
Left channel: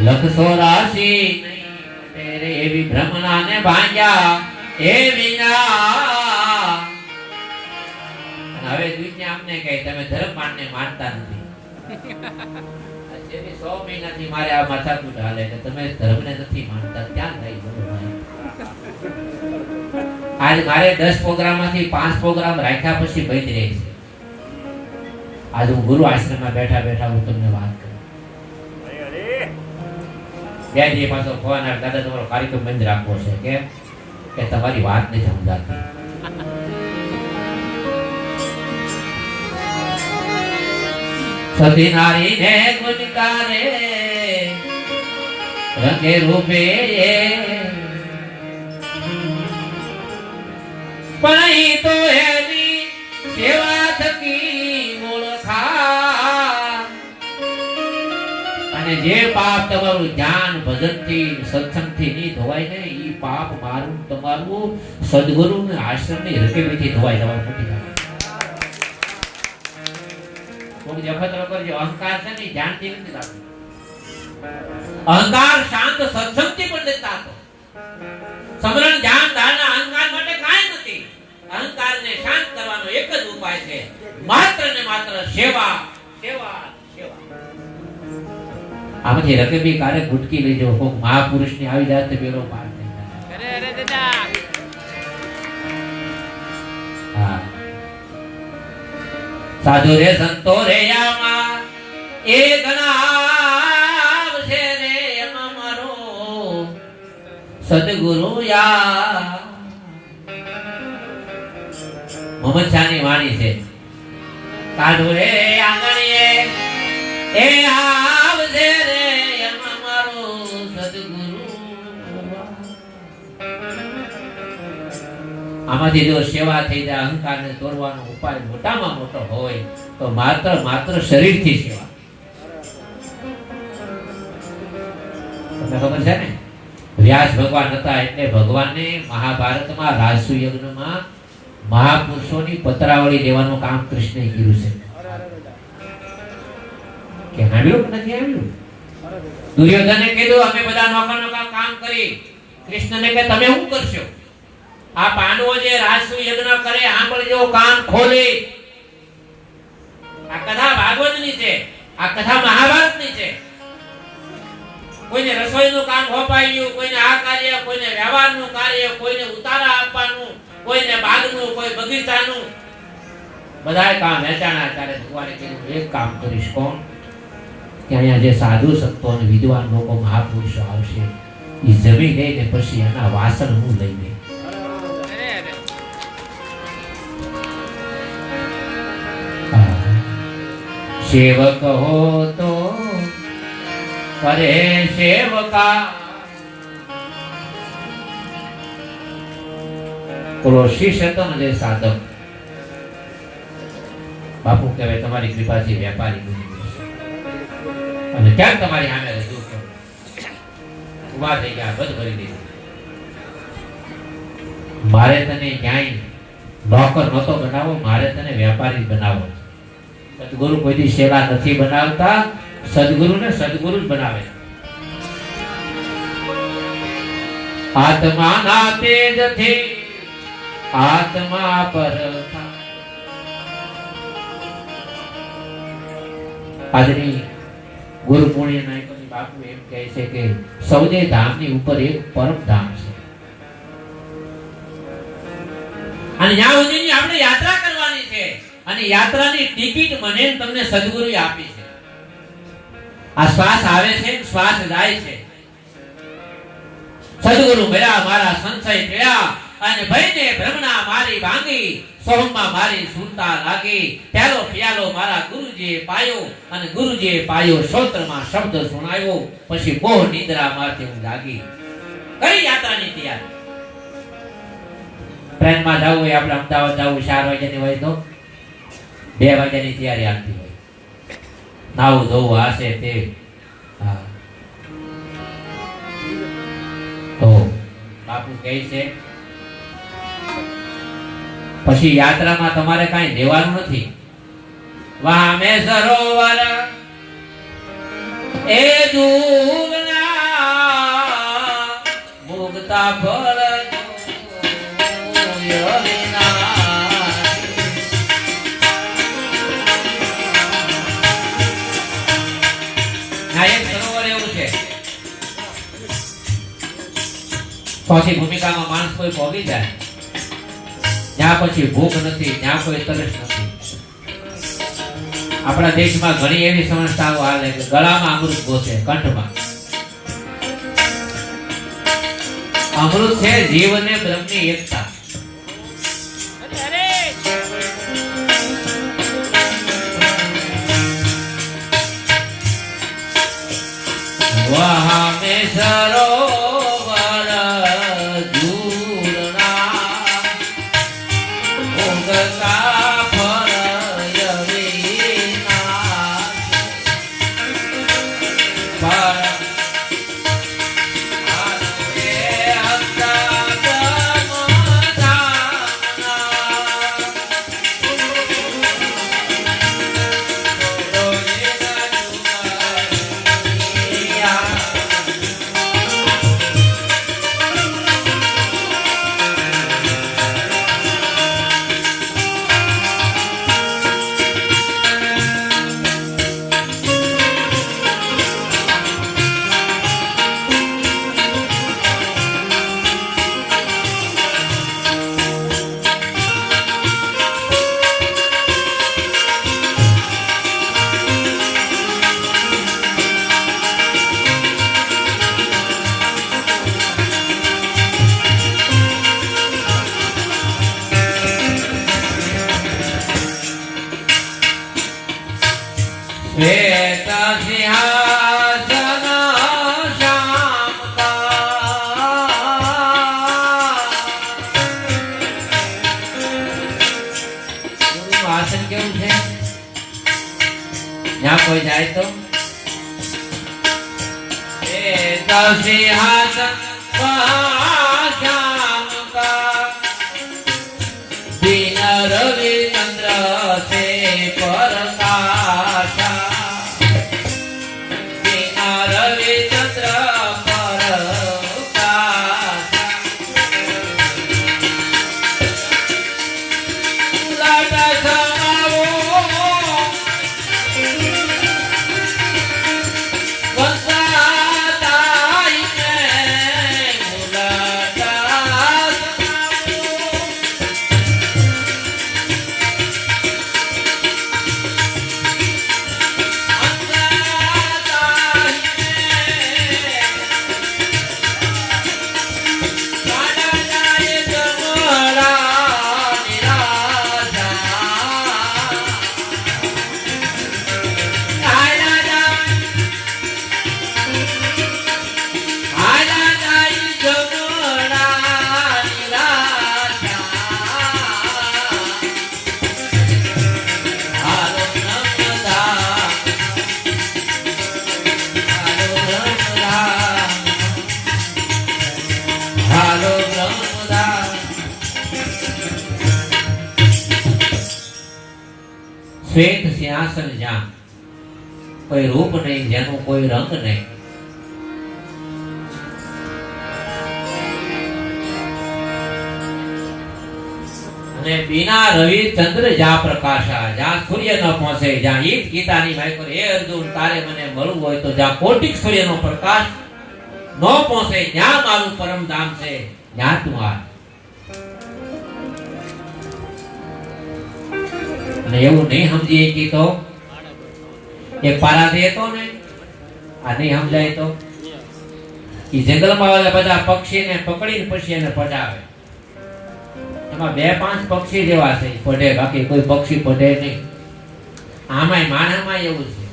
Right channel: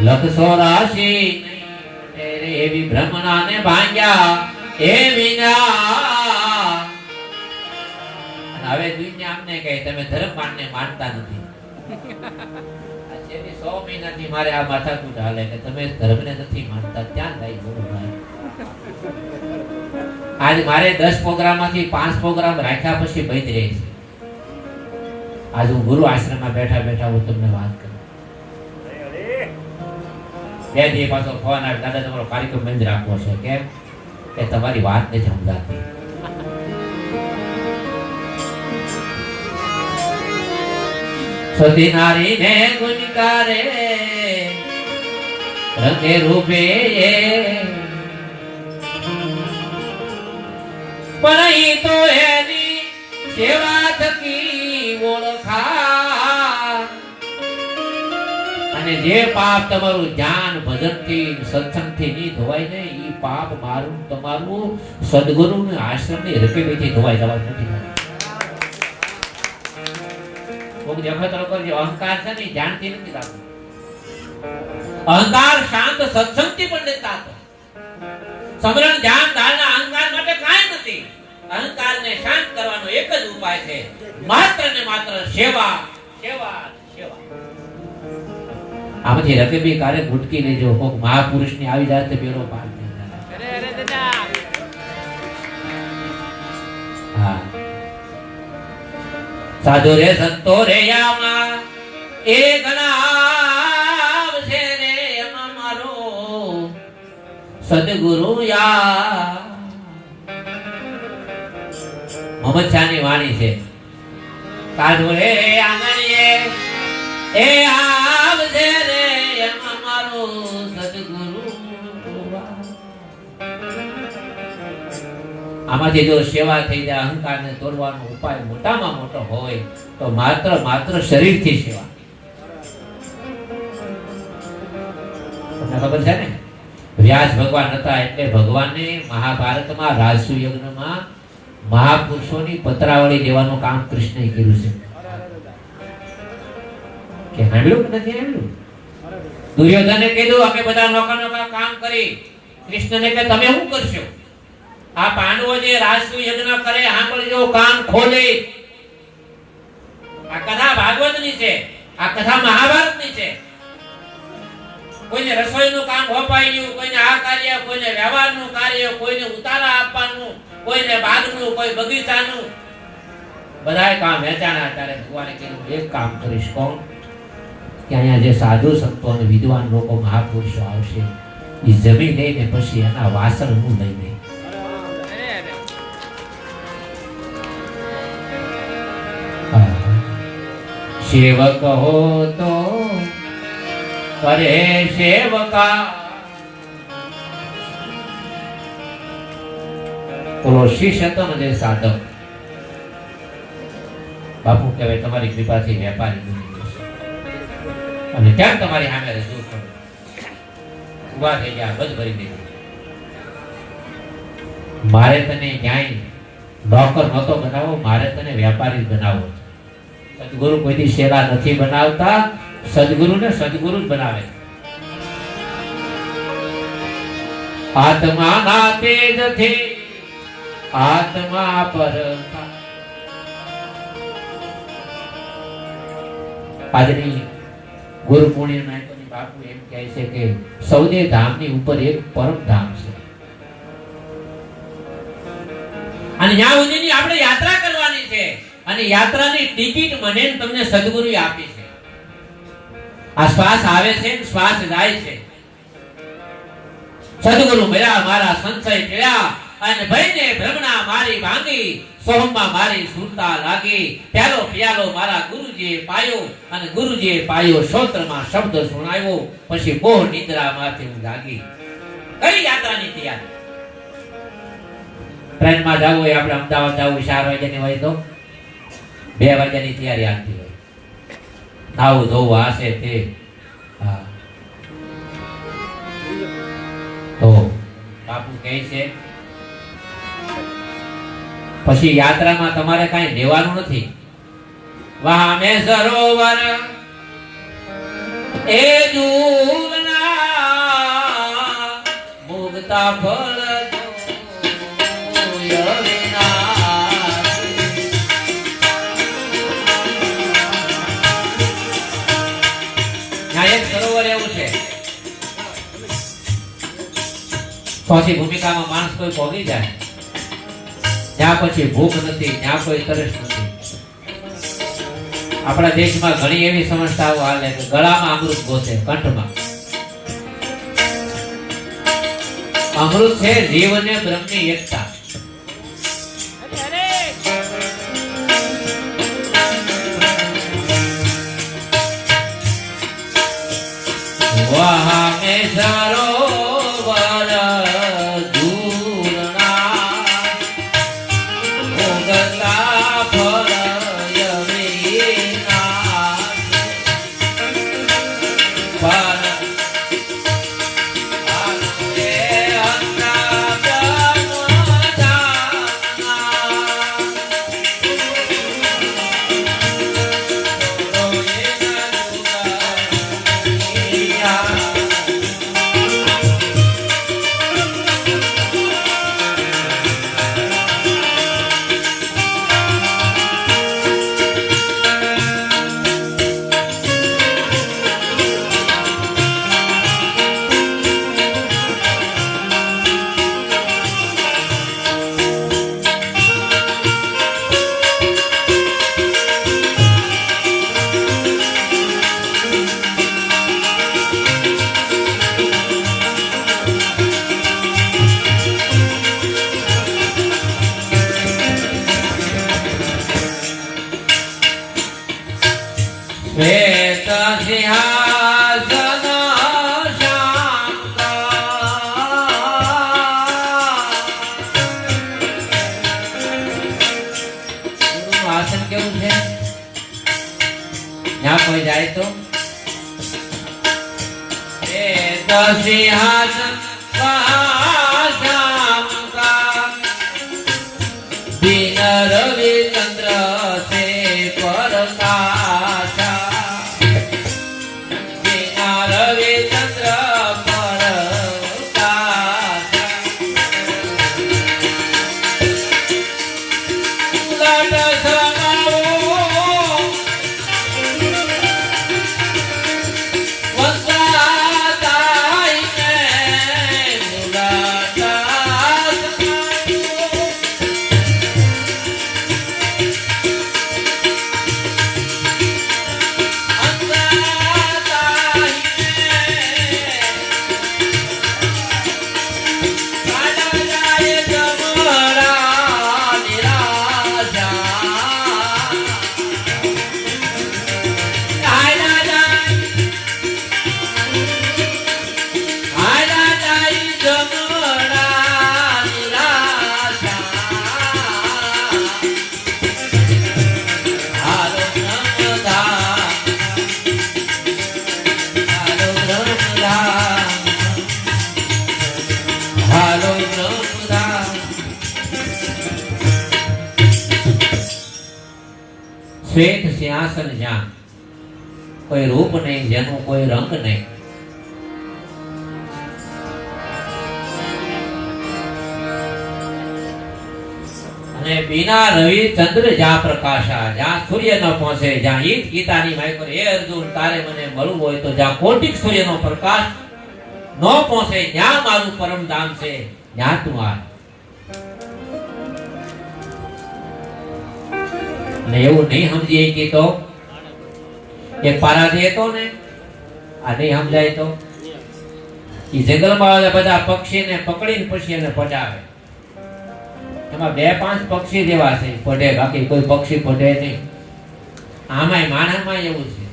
લખ 84 રે એવી ભ્રમણાને ભાંગ્યા એ વિના. હવે દુનિયા અમને કહે તમે ધર્મમાનને માનતા નથી. આ છેલ્લી 100 મહિનાથી મારે આ માથાકૂટ હાલે કે તમે ધર્મને નથી માનતા. ક્યાં લઈ ગયો? આજ મારે 10 પ્રોગ્રામમાંથી 5 પ્રોગ્રામ રાખ્યા પછી બંધ રહે છે. આજ હું ગુરુ આશ્રમમાં બેઠા બેઠા હું તમને વાત કરું. બે દી પાછો ફોન આવે, દાદા તમારો કાર્યક્રમ બંધ રાખવો છે. કેમ? કે તમારી વાત નથી સમજાતી. સતી નારી ને ગુણકારે રંગે રૂપે પણ ઈ તો એની સેવા થકી ઓળખા. અને જે પાપ તમારું ધ્યાન ભજન થી સત્સંગ થી નહીં ધોવાય ને ઈ પાપ મારું તમારું સદગુરુ ને આશ્રમ ની રકેબેથી ધોવાય જવા નથી. કોઈ દેખતરો કરજો. અહંકાર છે ને ધ્યાનથી નથી રાખતો. અહંકાર શાંત સત્સંગથી પણ નથી થતો. સમરણ ધ્યાન ધારણા અહંકાર માટે કાંઈ નથી. અહંકારને શાંત કરવાનો એક જ ઉપાય છે, માત્ર ને માત્ર સેવા, સેવા, સેવા. આમાંથી રકેબી કારે ગુટકી લેજો. કોક મહાપુરુષની આવી જાય તો બેડો પાર થઈ જાય. અરે દાદા. હા, સાધુ રે સંતો રે આમાં એ ગણાવ છે રે એનો મારો સદગુરુ યા. મોહમ્મદ શાહની વાણી છે. સાધુ રે આંગણીએ એ આવજે રે એનો મારો સદગુરુ. આમાંથી જો સેવા થઈ જાય, અહંકારને તોડવાનો ઉપાય મોટામાં મોટો હોય તો માત્ર શરીરથી સેવા. તમને ખબર છે ને, વ્યાસ ભગવાન હતા એટલે ભગવાને મહાભારતમાં રાજસુ યજ્ઞમાં મહાપુરુષોની પત્રાવળી લેવાનું કામ કૃષ્ણએ કર્યું છે. કે આવ્યું નથી આવ્યું? દુર્યોધને કીધું અમે બધા નોકર કામ કરી. કૃષ્ણને કે તમે શું કરશો? આ પાંડવો જે રાજસુ યજ્ઞ કરે સાંભળજો, કાન ખોલી. આ કથા ભાગવતની છે, આ કથા મહાભારતની છે. કોઈને રસોઈનું કામ હોપાઈ ગયું, કોઈને આ કાર્ય, કોઈને વ્યવહારનું કાર્ય, કોઈને ઉતારા આપવાનું, કોઈને બાગનું, કોઈ બગીચાનું, બધાય કામ વેચાણા. ત્યારે ભગવાને કીધું એક કામ કરીશ. કોણ? કે અહીંયા જે સાધુ સંતો અને વિદ્વાન લોકો મહાપુરુષો આવશે એ જમી લઈને પછી એના વાસણ હું લઈ ગઈ. સેવક હો તો કરે સેવકા, કોશિશ હતો ને જે સાધક. બાપુ કહેવાય તમારી કૃપાથી વેપારી બની જશે. અને ક્યાં તમારી સામે રજૂ કરું? ઉભા થઈ ગયા, બંધ કરી દીધું. મારે તને ક્યાંય નોકર નહોતો બનાવો, મારે તને વેપારી બનાવો. સદગુરુ કોઈથી શેરા નથી બનાવતા, સદગુરુને સદગુરુ જ બનાવે. આત્માના તેજથી આત્મા પરતા. આજની ગુરુ પૂર્ણિમા બાપુ એમ કહે છે કે સૌદે ધામની ઉપર એક પરમ ધામ છે. અને ત્યાં સુધીની આપણે યાત્રા કરવાની છે. અને યાત્રાની ટિકિટ મને તમને સદગુરુએ આપી છે. આ શ્વાસ આવે છે, શ્વાસ જાય છે. સદગુરુ મળ્યા, મારા સંશય પીડ્યા, અને ભયને ભ્રમણા મારી ભાંગી, સોહમમાં મારી સુરતા લાગી. પહેલો પિયાલો મારા ગુરુજીએ પાયો, અને ગુરુજીએ પાયો શ્રોત્રમાં શબ્દ સુણાવ્યો. પછી મોહ નિદ્રામાંથી હું જાગી. કઈ યાત્રાની તૈયારી? ટ્રેનમાં જવું હોય, આપણે અમદાવાદ જવું 4 વાગ્યાની હોય તો 2 વાગ્યાની તૈયારી આપતી હોય. નાવું ધોવું આ છે તે. તો બાપુ કહે છે પછી યાત્રામાં તમારે કાંઈ લેવાનું નથી. વામે સરોવર એ દૂરના મુગતા ફળ સરોવર એવું છે ચોથી ભૂમિકામાં માણસ કોઈ ભોગી જાય જ્યાં પછી ભૂખ નથી જ્યાં કોઈ તરસ નથી. આપણા દેશમાં ઘણી એવી સમસ્યાઓ હાલે કે ગળામાં અમૃત ગોતે, કંઠમાં અમૃત છે જીવ અને બ્રહ્મની એકતા. વહામે સરોવર દૂરના ઉગતા ફળયવીના શ્વેત સિંહાસન આસન કેવું છે? જ્યાં કોઈ જાય તો શ્વેત સિંહાસન દિન રવિ ચંદ્ર સે શ્વેત સિંહાસન જ્યાં કોઈ રૂપ નહીં, જેનું કોઈ રંગ નહીં, અને બિના રવિ ચંદ્ર જ્યાં પ્રકાશા, જ્યાં સૂર્ય ન પહોંચે, જ્યાં ઈટ ગીતાની માય કરે, હે અર્જુન તારે મને મળવું હોય તો જ્યાં કોટિક સૂર્યનો પ્રકાશ ન પહોંચે, ત્યાં મારું પરમ ધામ છે, ત્યાં તું આ. ને એવું નહીં સમજીએ કે તો એ પારાથી હતો ને આ નહીં સમજાય તો એ જંગલમાં આવે બધા પક્ષીને પકડીને પછી એને પડાવે. એમાં 2-5 પક્ષી જેવા છે પડે, બાકી કોઈ પક્ષી પડે નહીં. આમાંય માનવમાં એવું છે.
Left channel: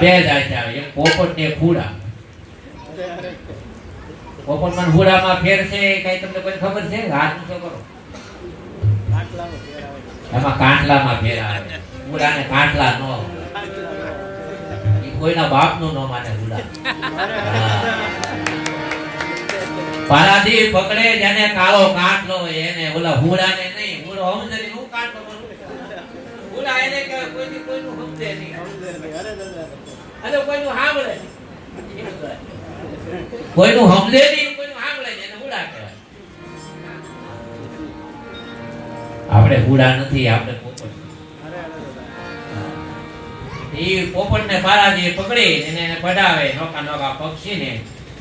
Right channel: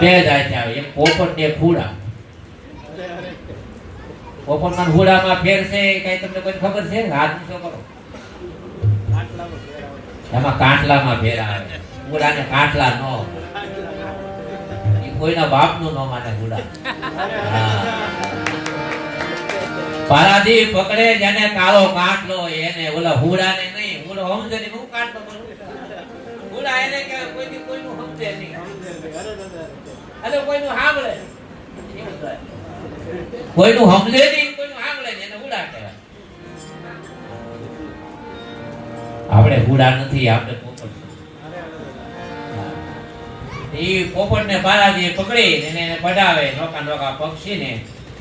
બે જાત આવે, એક પોપટ ને ફૂડા. પોપટ માં ફૂડામાં ફેર છે કઈ તમને કોઈ ખબર છે? હાથ ઊંચો કરો. એમાં કાંટલામાં ફેર આવે. ફૂડાને કાંટલા નો, એ કોઈના બાપનું ન માને ફૂડા. પારાદી પકડે જેને કાળો કાંટલો એને ઓલા હુડાને નહીં, હુડો હમજરી નું કાંટલો કરું. એને કહેવાય કોઈથી કોઈનું સમજે નહીં અને કોઈનું સાંભળે નહીં. કોઈનું સમજે નહીં કોઈનું સાંભળે નહીં એને હુડા કહેવાય. આપણે હુડા નથી, આપણે પોપટ. એ પોપટને બારાજી પકડી એને બડાવે નોકા નોકા પક્ષીને.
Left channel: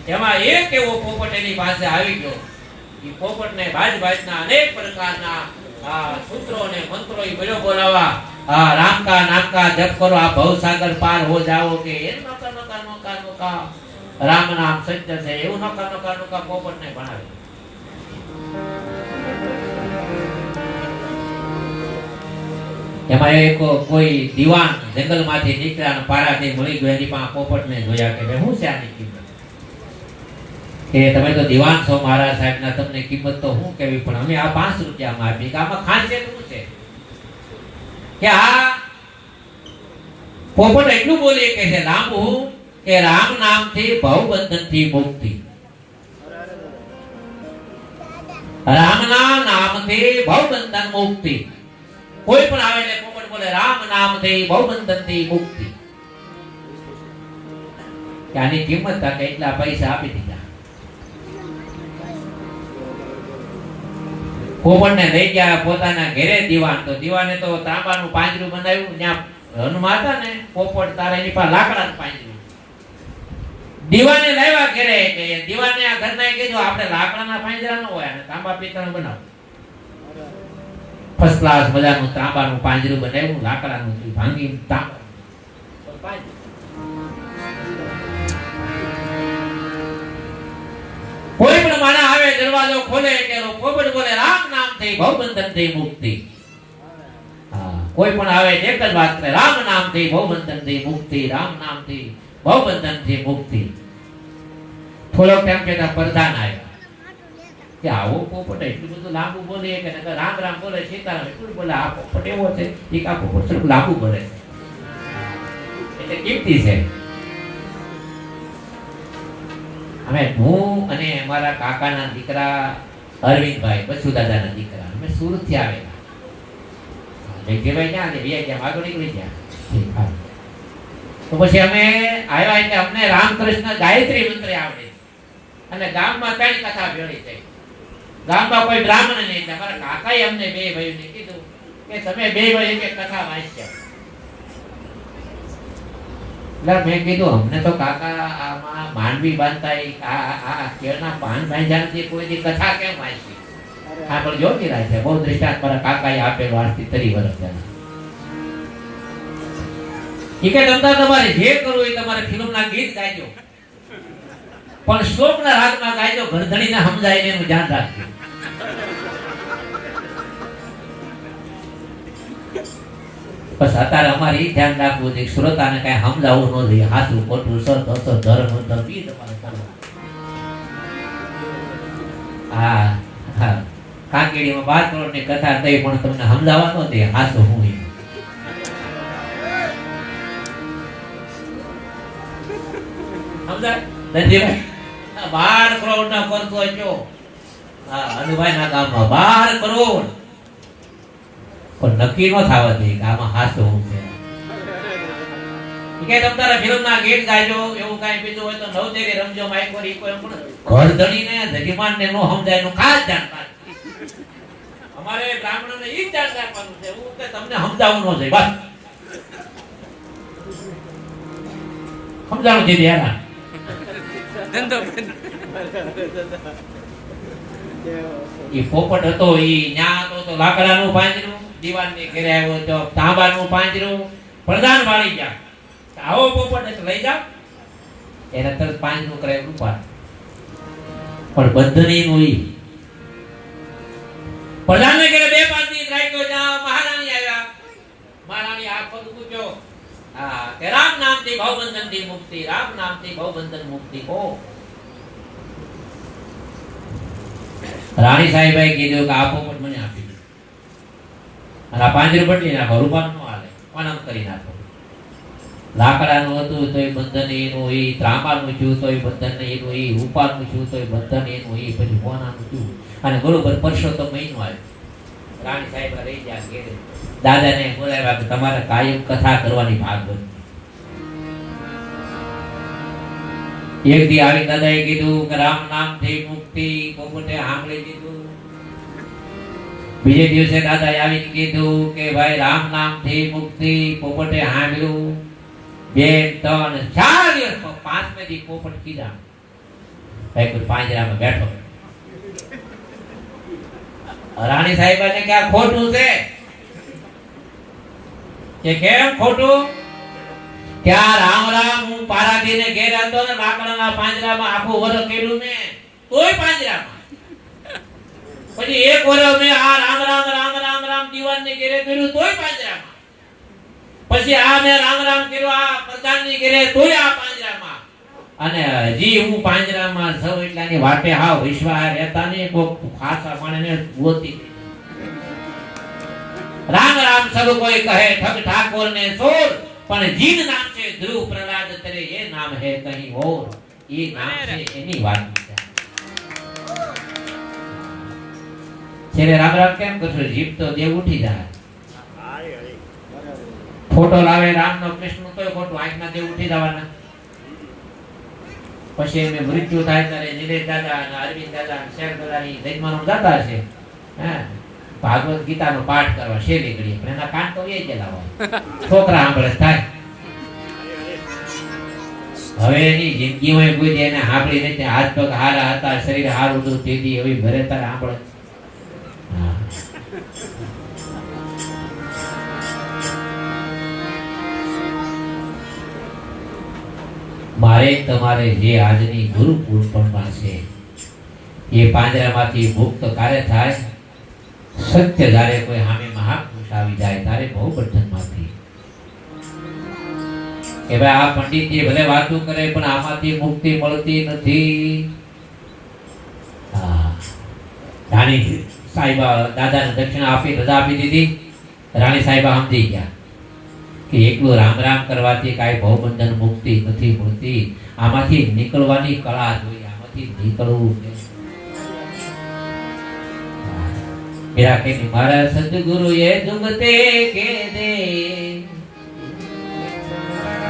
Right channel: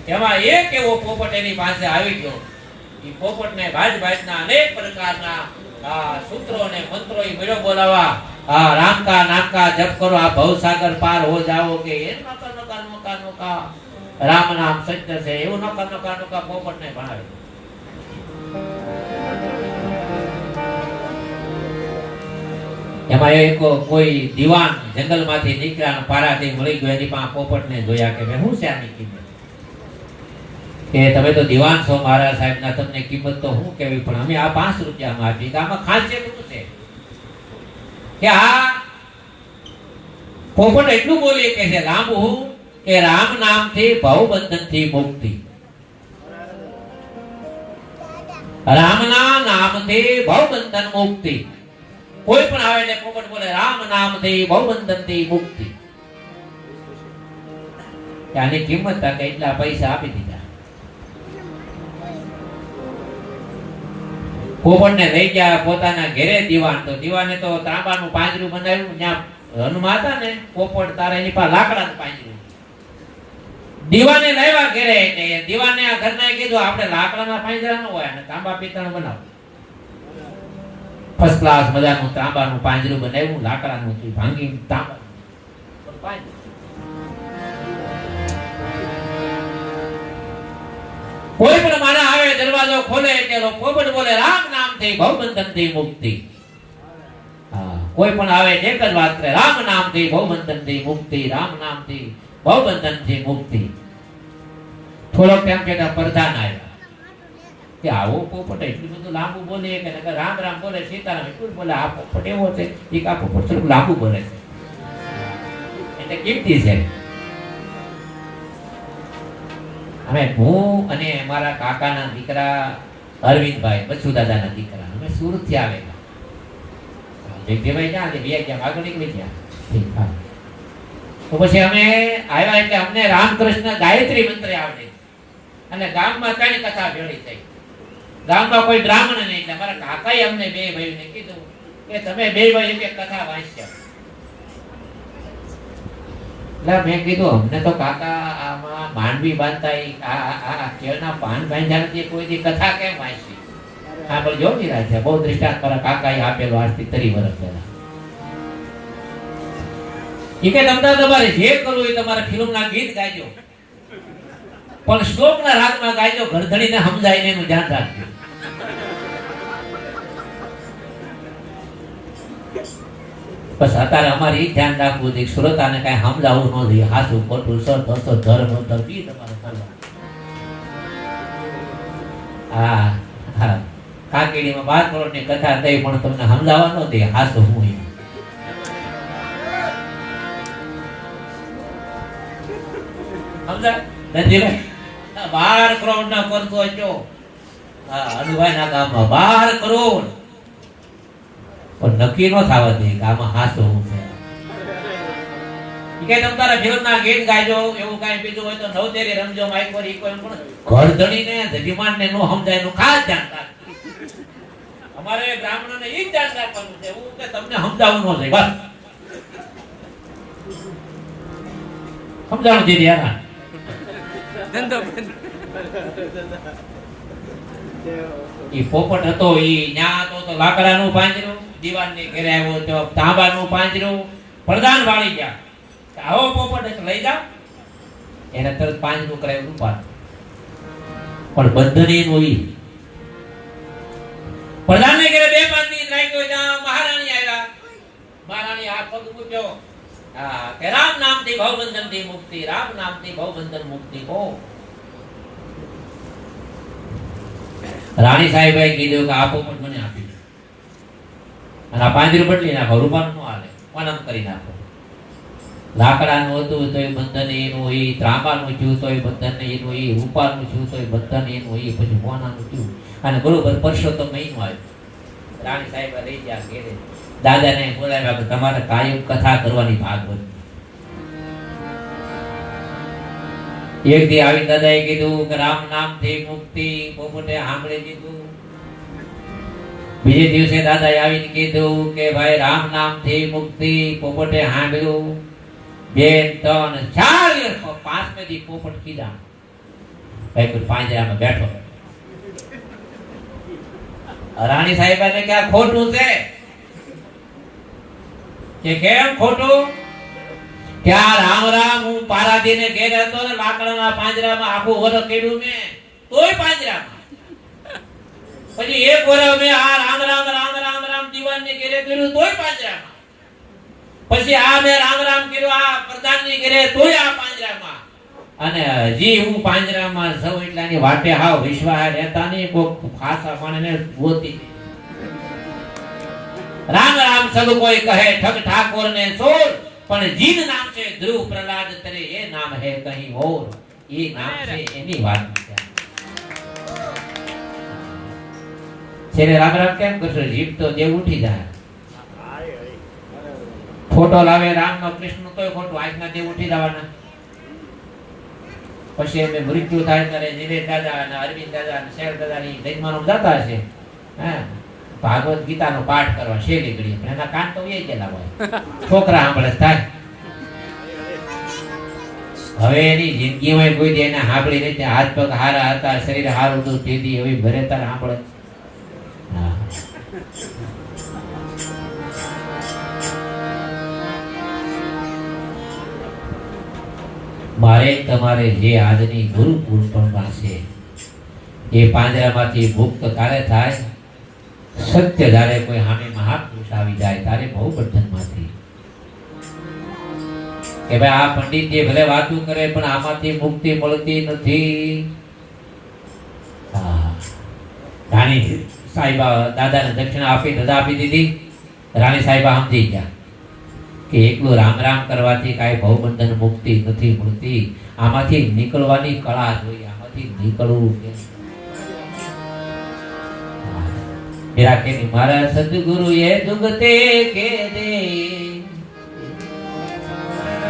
એમાં એક એવો પોપટ એની પાસે આવી ગયો. એ પોપટને ભાતના અનેક પ્રકારના સૂત્રો અને મંત્રો એ બોલ્યો બોલાવા. રામ કા નામ કા જપ કરો, આ ભવસાગર પાર હો જાઓ કે એનું નોકા નોકા નોકા નોકા રામ નામ સત્ય છે એવું નોકા નોકા નોકા પોપટને ભણાવે. એમાં એક કોઈ દીવાન જંગલમાંથી નીકળ્યા પારાથી મળી ગયો. એની પાસે પોપટને જોયા કે શું છે આની કિંમત? કે તમે તો દીવાન છો મહારાજ સાહેબના, તમને કિંમત તો શું કેવી, પણ અમે આ 5 રૂપિયામાં આપી. આમાં ખાસિયત શું છે કે આ પોપટ એટલું બોલી કે છે લાંબુ કે રામ નામથી ભવબંધનથી મુક્તિ. રામના નામથી ભવબંધન મુક્તિ. કોઈ પણ આવે એટલે પોપટ બોલે રામ નામથી ભવબંધનથી મુક્તિ. આની કિંમત કે એટલા પૈસા આપી દીધા. પોપટને લઈ ગયા પોતાના ઘરે દીવાન. તો દીવાને તો તાંબાનું પાંજરું બનાવ્યું. ત્યાં રનમાં હતા ને પોપટ, તારા એની પાસે લાકડાનું પાંજરું. દીવાને લાવ્યા ઘરે એટલે દીવાને આ ઘરનાએ કીધું આપણે લાકડાના પાંજરા ન હોય અને તાંબા પિત્તળનું બનાવો. ફર્સ્ટ ક્લાસ મજાનું તાંબાનું પાંજરું બનાવ્યું, લાકડાનું ભાંગી તાંબા પાંજરું. કોઈ પણ માણસ આવે દરવાજો ખોલે એટલે પોપટ બોલે રામ નામથી ભવબંધનથી મુક્તિ. કોઈ પણ આવે એક જ વાત કરે રામ નામથી ભવબંધનથી મુક્તિ, રામ નામથી ભવબંધનથી મુક્તિ. થોડોક ટાઈમ કેતા પ્રધાન આવ્યા કે આવો પોપટ એટલું બધું લાંબુ બોલે કે રામ રામ બોલે, સીતારામ એટલું બોલે. આ પોપટ એવો છે એ આ પોપટ થોડું લાંબુ બોલે છે એટલે કિંમતી છે. અમે હું અને અમારા કાકાના દીકરા અરવિંદભાઈ બચ્ચુ દાદાના દીકરા અમે સુરત થી આવેલા. જગ્યાભાઈ ક્યાં બે ગયા આગળ નીકળી ગયા. તો પછી અમે આવ્યા એટલે અમને રામકૃષ્ણ ગાયત્રી મંત્ર આવડે અને ગામમાં કઈ કથા ભેળી થઈ. ગામમાં કોઈ બ્રાહ્મણ નહીં એટલે અમારા કાકાએ અમને બે ભાઈઓને કીધું કે તમે બે ભાઈઓ કે કથા વાંચશો. એટલે મેં કીધું અમને તો કાકા આમાં માંડવી બાંધતા આ કેળના પાન બાંધ્યાથી કોઈની કથા કેમ વાંચી? આ પણ જો નિરાશ છે. બહુ દ્રષ્ટાંત મારા કાકાએ આપેલો આજથી 30 વર્ષ પહેલા. એ કે તમારે જે કરવું એ તમારે ફિલ્મના ગીત ગાજો, પણ શ્લોકના રાગમાં ગાજો, ઘરધણીને સમજાય ને એનું ધ્યાન રાખજો. બસ અત્યારે અમારે એ ધ્યાન રાખવું છે શ્રોતાને કઈ સમજાવવું ન જોઈએ. હાથું ખોટું સર દસો ધર્મ ધર્મી તમારે કરવું. હા હા કાકડીમાં 12 કરોડની કથા થઈ પણ તમને સમજાવવા ન દે. હાથું હું સમજાય નથી 12 કરોડ ના કરતો છો. હનુભાઈ ના ગામમાં 12 કરોડ પણ નક્કી ન થવા દે કે આમાં હાસો હું છે. કે તમારા ફિલ્મના ગીત ગાજો, એવું કાંઈ બીજું હોય તો નવતેરી રમજો માઈક પર ઈ કોઈ પણ ઘરધણીને જજીમાનને નો સમજાય એનું ખાસ ધ્યાન રાખજો. અમારે બ્રાહ્મણને ઈ ધ્યાન રાખવાનું છે હું કે તમને સમજાવવું ન જાય. બસ સમજાવવું છે ધ્યાન ધંધો બંધ. ઈ પોપટ હતો ઈ ન્યા તો લાકડાનું પાંજરું, દીવાનની ઘરે આવ્યો તો તાંબાનું પાંજરું. પ્રધાન વાળી ગયા આવો પોપટ લઈ જાઓ. એને તરત પાંજરું કરે રૂપા પણ બંધની નોઈ. પ્રધાનને ઘરે 2-5 દિવસ રાખ્યો. જ્યાં મહારાણી આવ્યા, મહારાણી હાથ પગ મૂક્યો. હા કે રામ નામથી ભવબંધનથી મુક્તિ, રામ નામથી ભવબંધન મુક્તિ. કો રાણી સાહેબે કીધું કે આ પોપટ મને આપી દો અને આ પાંજરું બદલી નાખો. રૂપાનું નો હાલે, પાનમ કરી નાખો. લાકડાનું હતું તોય બંધન એનું એ, ત્રાંબાનું થયું તોય બંધન એનું એ, રૂપાનું થયું તોય બંધન એનું એ, પછી કોનાનું થયું અને બરોબર પરસોત્તમ મહિનો આવ્યો. રાણી સાહેબ રહી ગયા ઘેરે. દાદાને બોલાવ્યા કે તમારે કાયમ કથા કરવાની ભાગવત. એક દી આવી દાદાએ કીધું કે રામ નામથી મુક્તિ, પોપટે સાંભળી દીધું. બીજે દિવસે દાદાએ આવીને કીધું કે ભાઈ રામ નામથી મુક્તિ, પોપટે સાંભળ્યું. 2 3 4 દિવસ, 5મે દી પોપટ કીધા ભાઈ પાંજરામાં બેઠો. રાણી સાહેબાને કે આ ખોટું છે. કે કેમ ખોટું? કે આ રામ રામ હું પારાદીને ઘેર હતો ને લાકડાના પાંજરામાં આખું વર્ષ કર્યું મેં, તોય પાંજરામાં. પછી એક વર્ષ મેં આ રામ રામ રામ રામ રામ દીવાનને ઘેરે કર્યું, તોય પાંજરામાં. પછી આ મેં રામ રામ કર્યું આ પ્રધાનની ઘેરે, તોય આ પાંજરામાં. અને હજી હું પાંજરામાં સૌ એટલાની વાટે હાવ વિશ્વાસ રહેતા નહીં. કોક ખાસા પાણીને ગોતી રામ રામ સબ કોઈ કહે ઠગ ઠાકોર ને સોર, પણ જીન નામ છે ધ્રુવ પ્રહલાદ તેરે એ નામ હે કहीं और. એ નામ છે એની વાત છે. છેલ્લે રામ રામ કેમ કરશો? જીભ તો દેવ ઉઠી જાય. ફોટો લાવે રામ નો કૃષ્ણ તો ફોટો આજના દેવ ઉઠી જવાના. પછી એમને મૃત્યુ થાય ત્યારે નિલેશ દાદા અને અરવિંદ દાદા અને શેર દાદાની જન્મનો દાદા છે. હા, ભાગવત ગીતાનો પાઠ કરવા શેરી ઘડી, પણ એના કાન તો એ ગયેલા હોય. છોકરા સાંભળે થાય. હવે એની જિંદગીમાં કોઈ દી એને સાંભળી નથી. હાથ પગ હારા હતા, શરીર હારું હતું, તેથી એવી ભરે તાર સાંભળે. મારે તમારે જે આજની ગુરુ પૂર્ણિમા છે એ પાંજરામાંથી મુક્ત ક્યારે થાય? સત્ય જ્યારે કોઈ સામે મહાપુરુષ આવી જાય ત્યારે બહુ બંધનમાંથી. કે ભાઈ આ પંડિત જે ભલે વાતો કરે પણ આમાંથી મુક્તિ મળતી નથી. રાણી સાહેબા દાદાને દક્ષિણા આપી, રજા આપી દીધી. રાણી સાહેબા સમજી ગયા કે એકલું રામ રામ કરવાથી કાંઈ ભવબંધન મુક્તિ નથી મળતી. આમાંથી નીકળવાની કળા જોઈએ, આમાંથી નીકળવું છે. मेरा के मारा सदगुरु ये जुगते के दे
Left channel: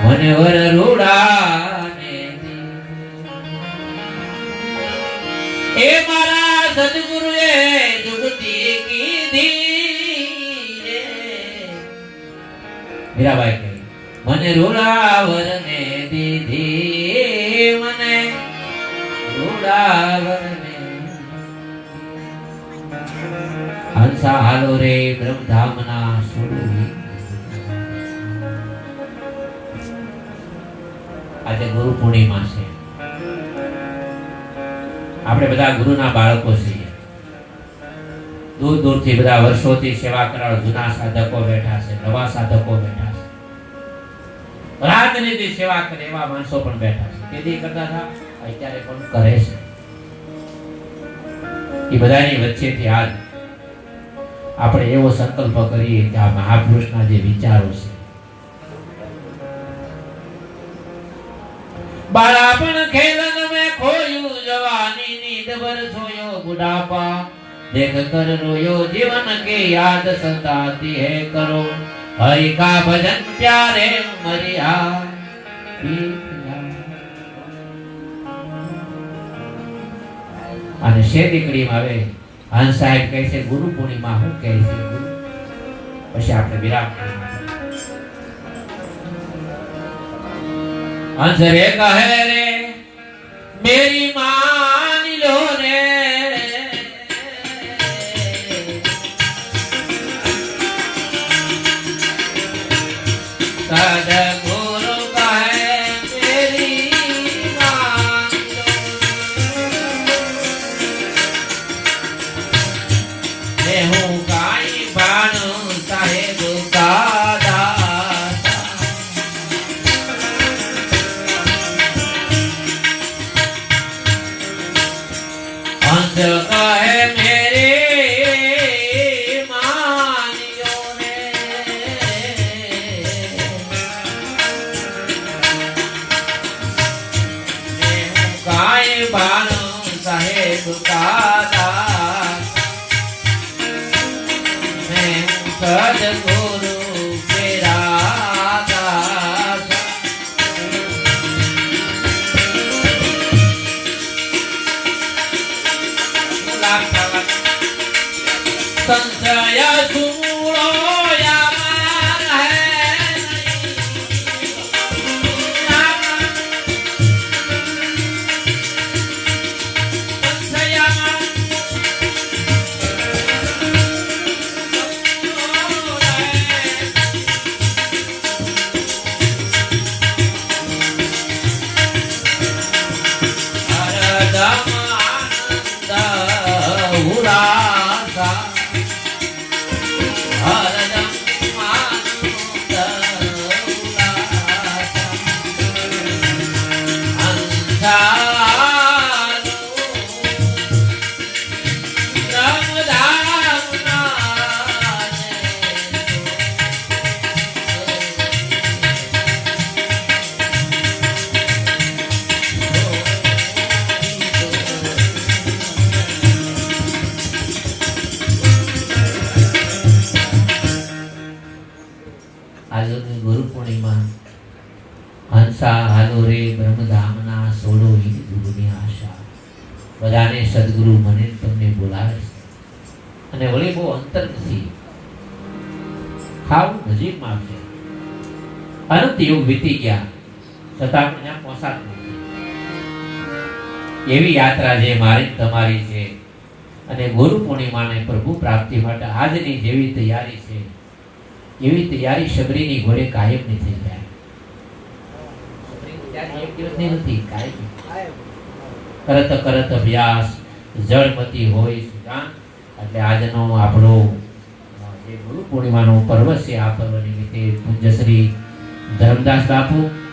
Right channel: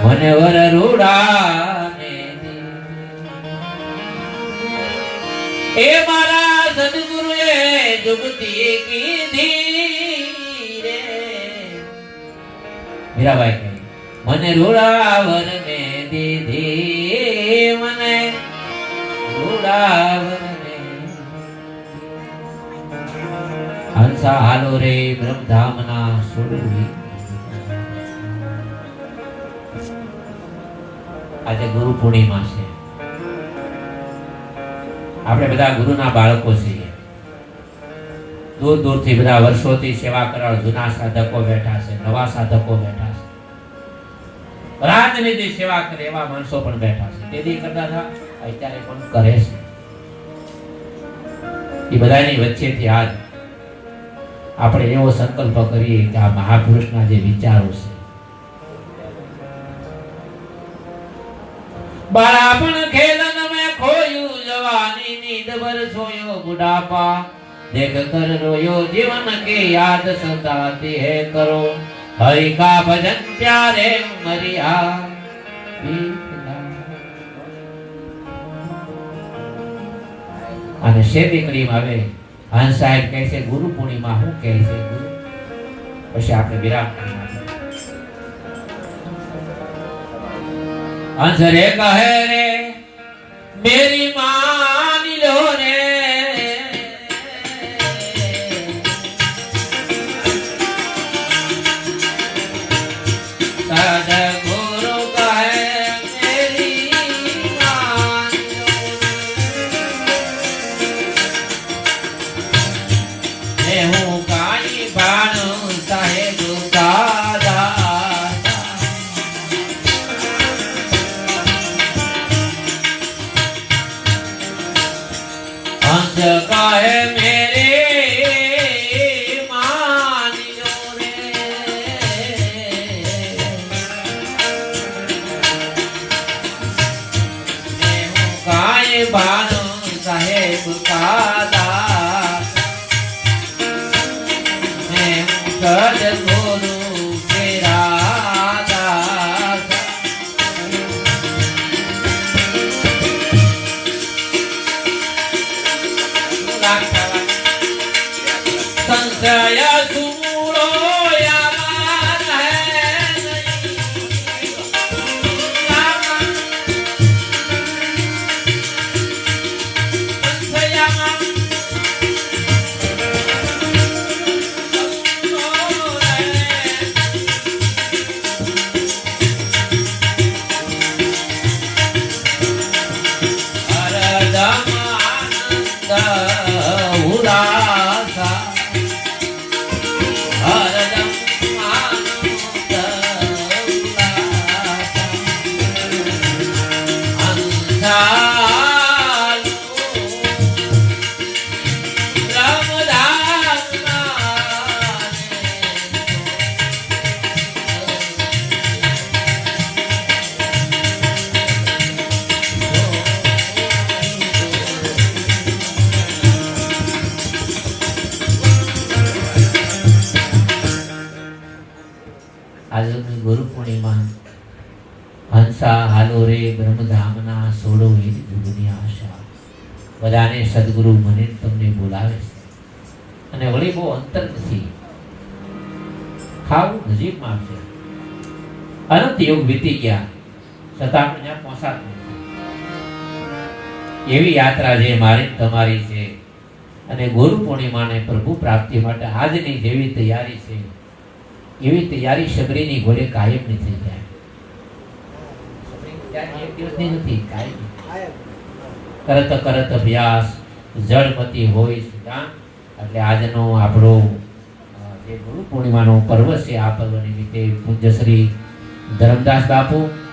वनवर रूड़ा ने ए मारा सदगुरु ये जुगती की धी रे मेरा भाई के मन रूड़ावर ने दीधी मने रूड़ावर हंसा हालो रे ब्रह्मधामना सुरवी. આજે ગુરુ પૂર્ણિમા છે. આપણે બધા ગુરુના બાળકો છીએ. દૂર દૂરથી બધા વર્ષોથી સેવા કરનાર જૂના સાધકો બેઠા છે, નવા સાધકો બેઠા છે. રાજનીતિ સેવા કરે એવા માણસો પણ બેઠા છે. તેથી કરતા હતા અત્યારે પણ કરે છે. એ બધાની વચ્ચેથી આજ આપણે એવો સંકલ્પ કરીએ કે આ મહાપુરુષના જે વિચારો છે, બાળપણ ખેલન મેં ખોયું, જવાની નીંદ ભર સોયો બુઢાપા, દેખ કર રોયો જીવન કે યાદ સતાતી હે કરો, હરિ કા ભજન પ્યારે મરિયા. અને શેરી કડીમાં આવે હંસ સાહેબ કહે છે ગુરુ પૂર્ણિમા શું કહે છે? પછી આપણે વિરામ હંસ રે કહે રે મેરી માની લો રે સદગુરુ કહે મેરી હું કાઈ બાનું સાહેબ દાદા હંસ કહે મેરે માનિયો રે હું કાઈ બાનું સાહેબ દાદા સદગુરુ ઉત્સાહ હાલો રે બ્રહ્મધામના સોળો હિત જુગની આશા. બધાને સદગુરુ મને તમને બોલાવે છે અને વળી બહુ અંતર નથી, ખાવું નજીકમાં છે. અનંત યુગ વીતી ગયા છતાં આપણે ત્યાં પહોંચાતું નથી. એવી યાત્રા જે મારી તમારી છે અને ગુરુ પૂર્ણિમાને પ્રભુ પ્રાપ્તિ માટે આજની જેવી તૈયારી છે એવી તૈયારી સબરીની ઘોડે કાયમની થઈ જાય. સબરીની તૈયારી એક દિવસની નથી, કાયમની. કરત કરત અભ્યાસ જળમતી હોય સુદાન. એટલે આજનો આપણો જે ગુરુ પૂર્ણિમાનો પર્વ છે, આ પર્વ નિમિત્તે પૂજ્ય શ્રી ધર્મદાસ બાપુ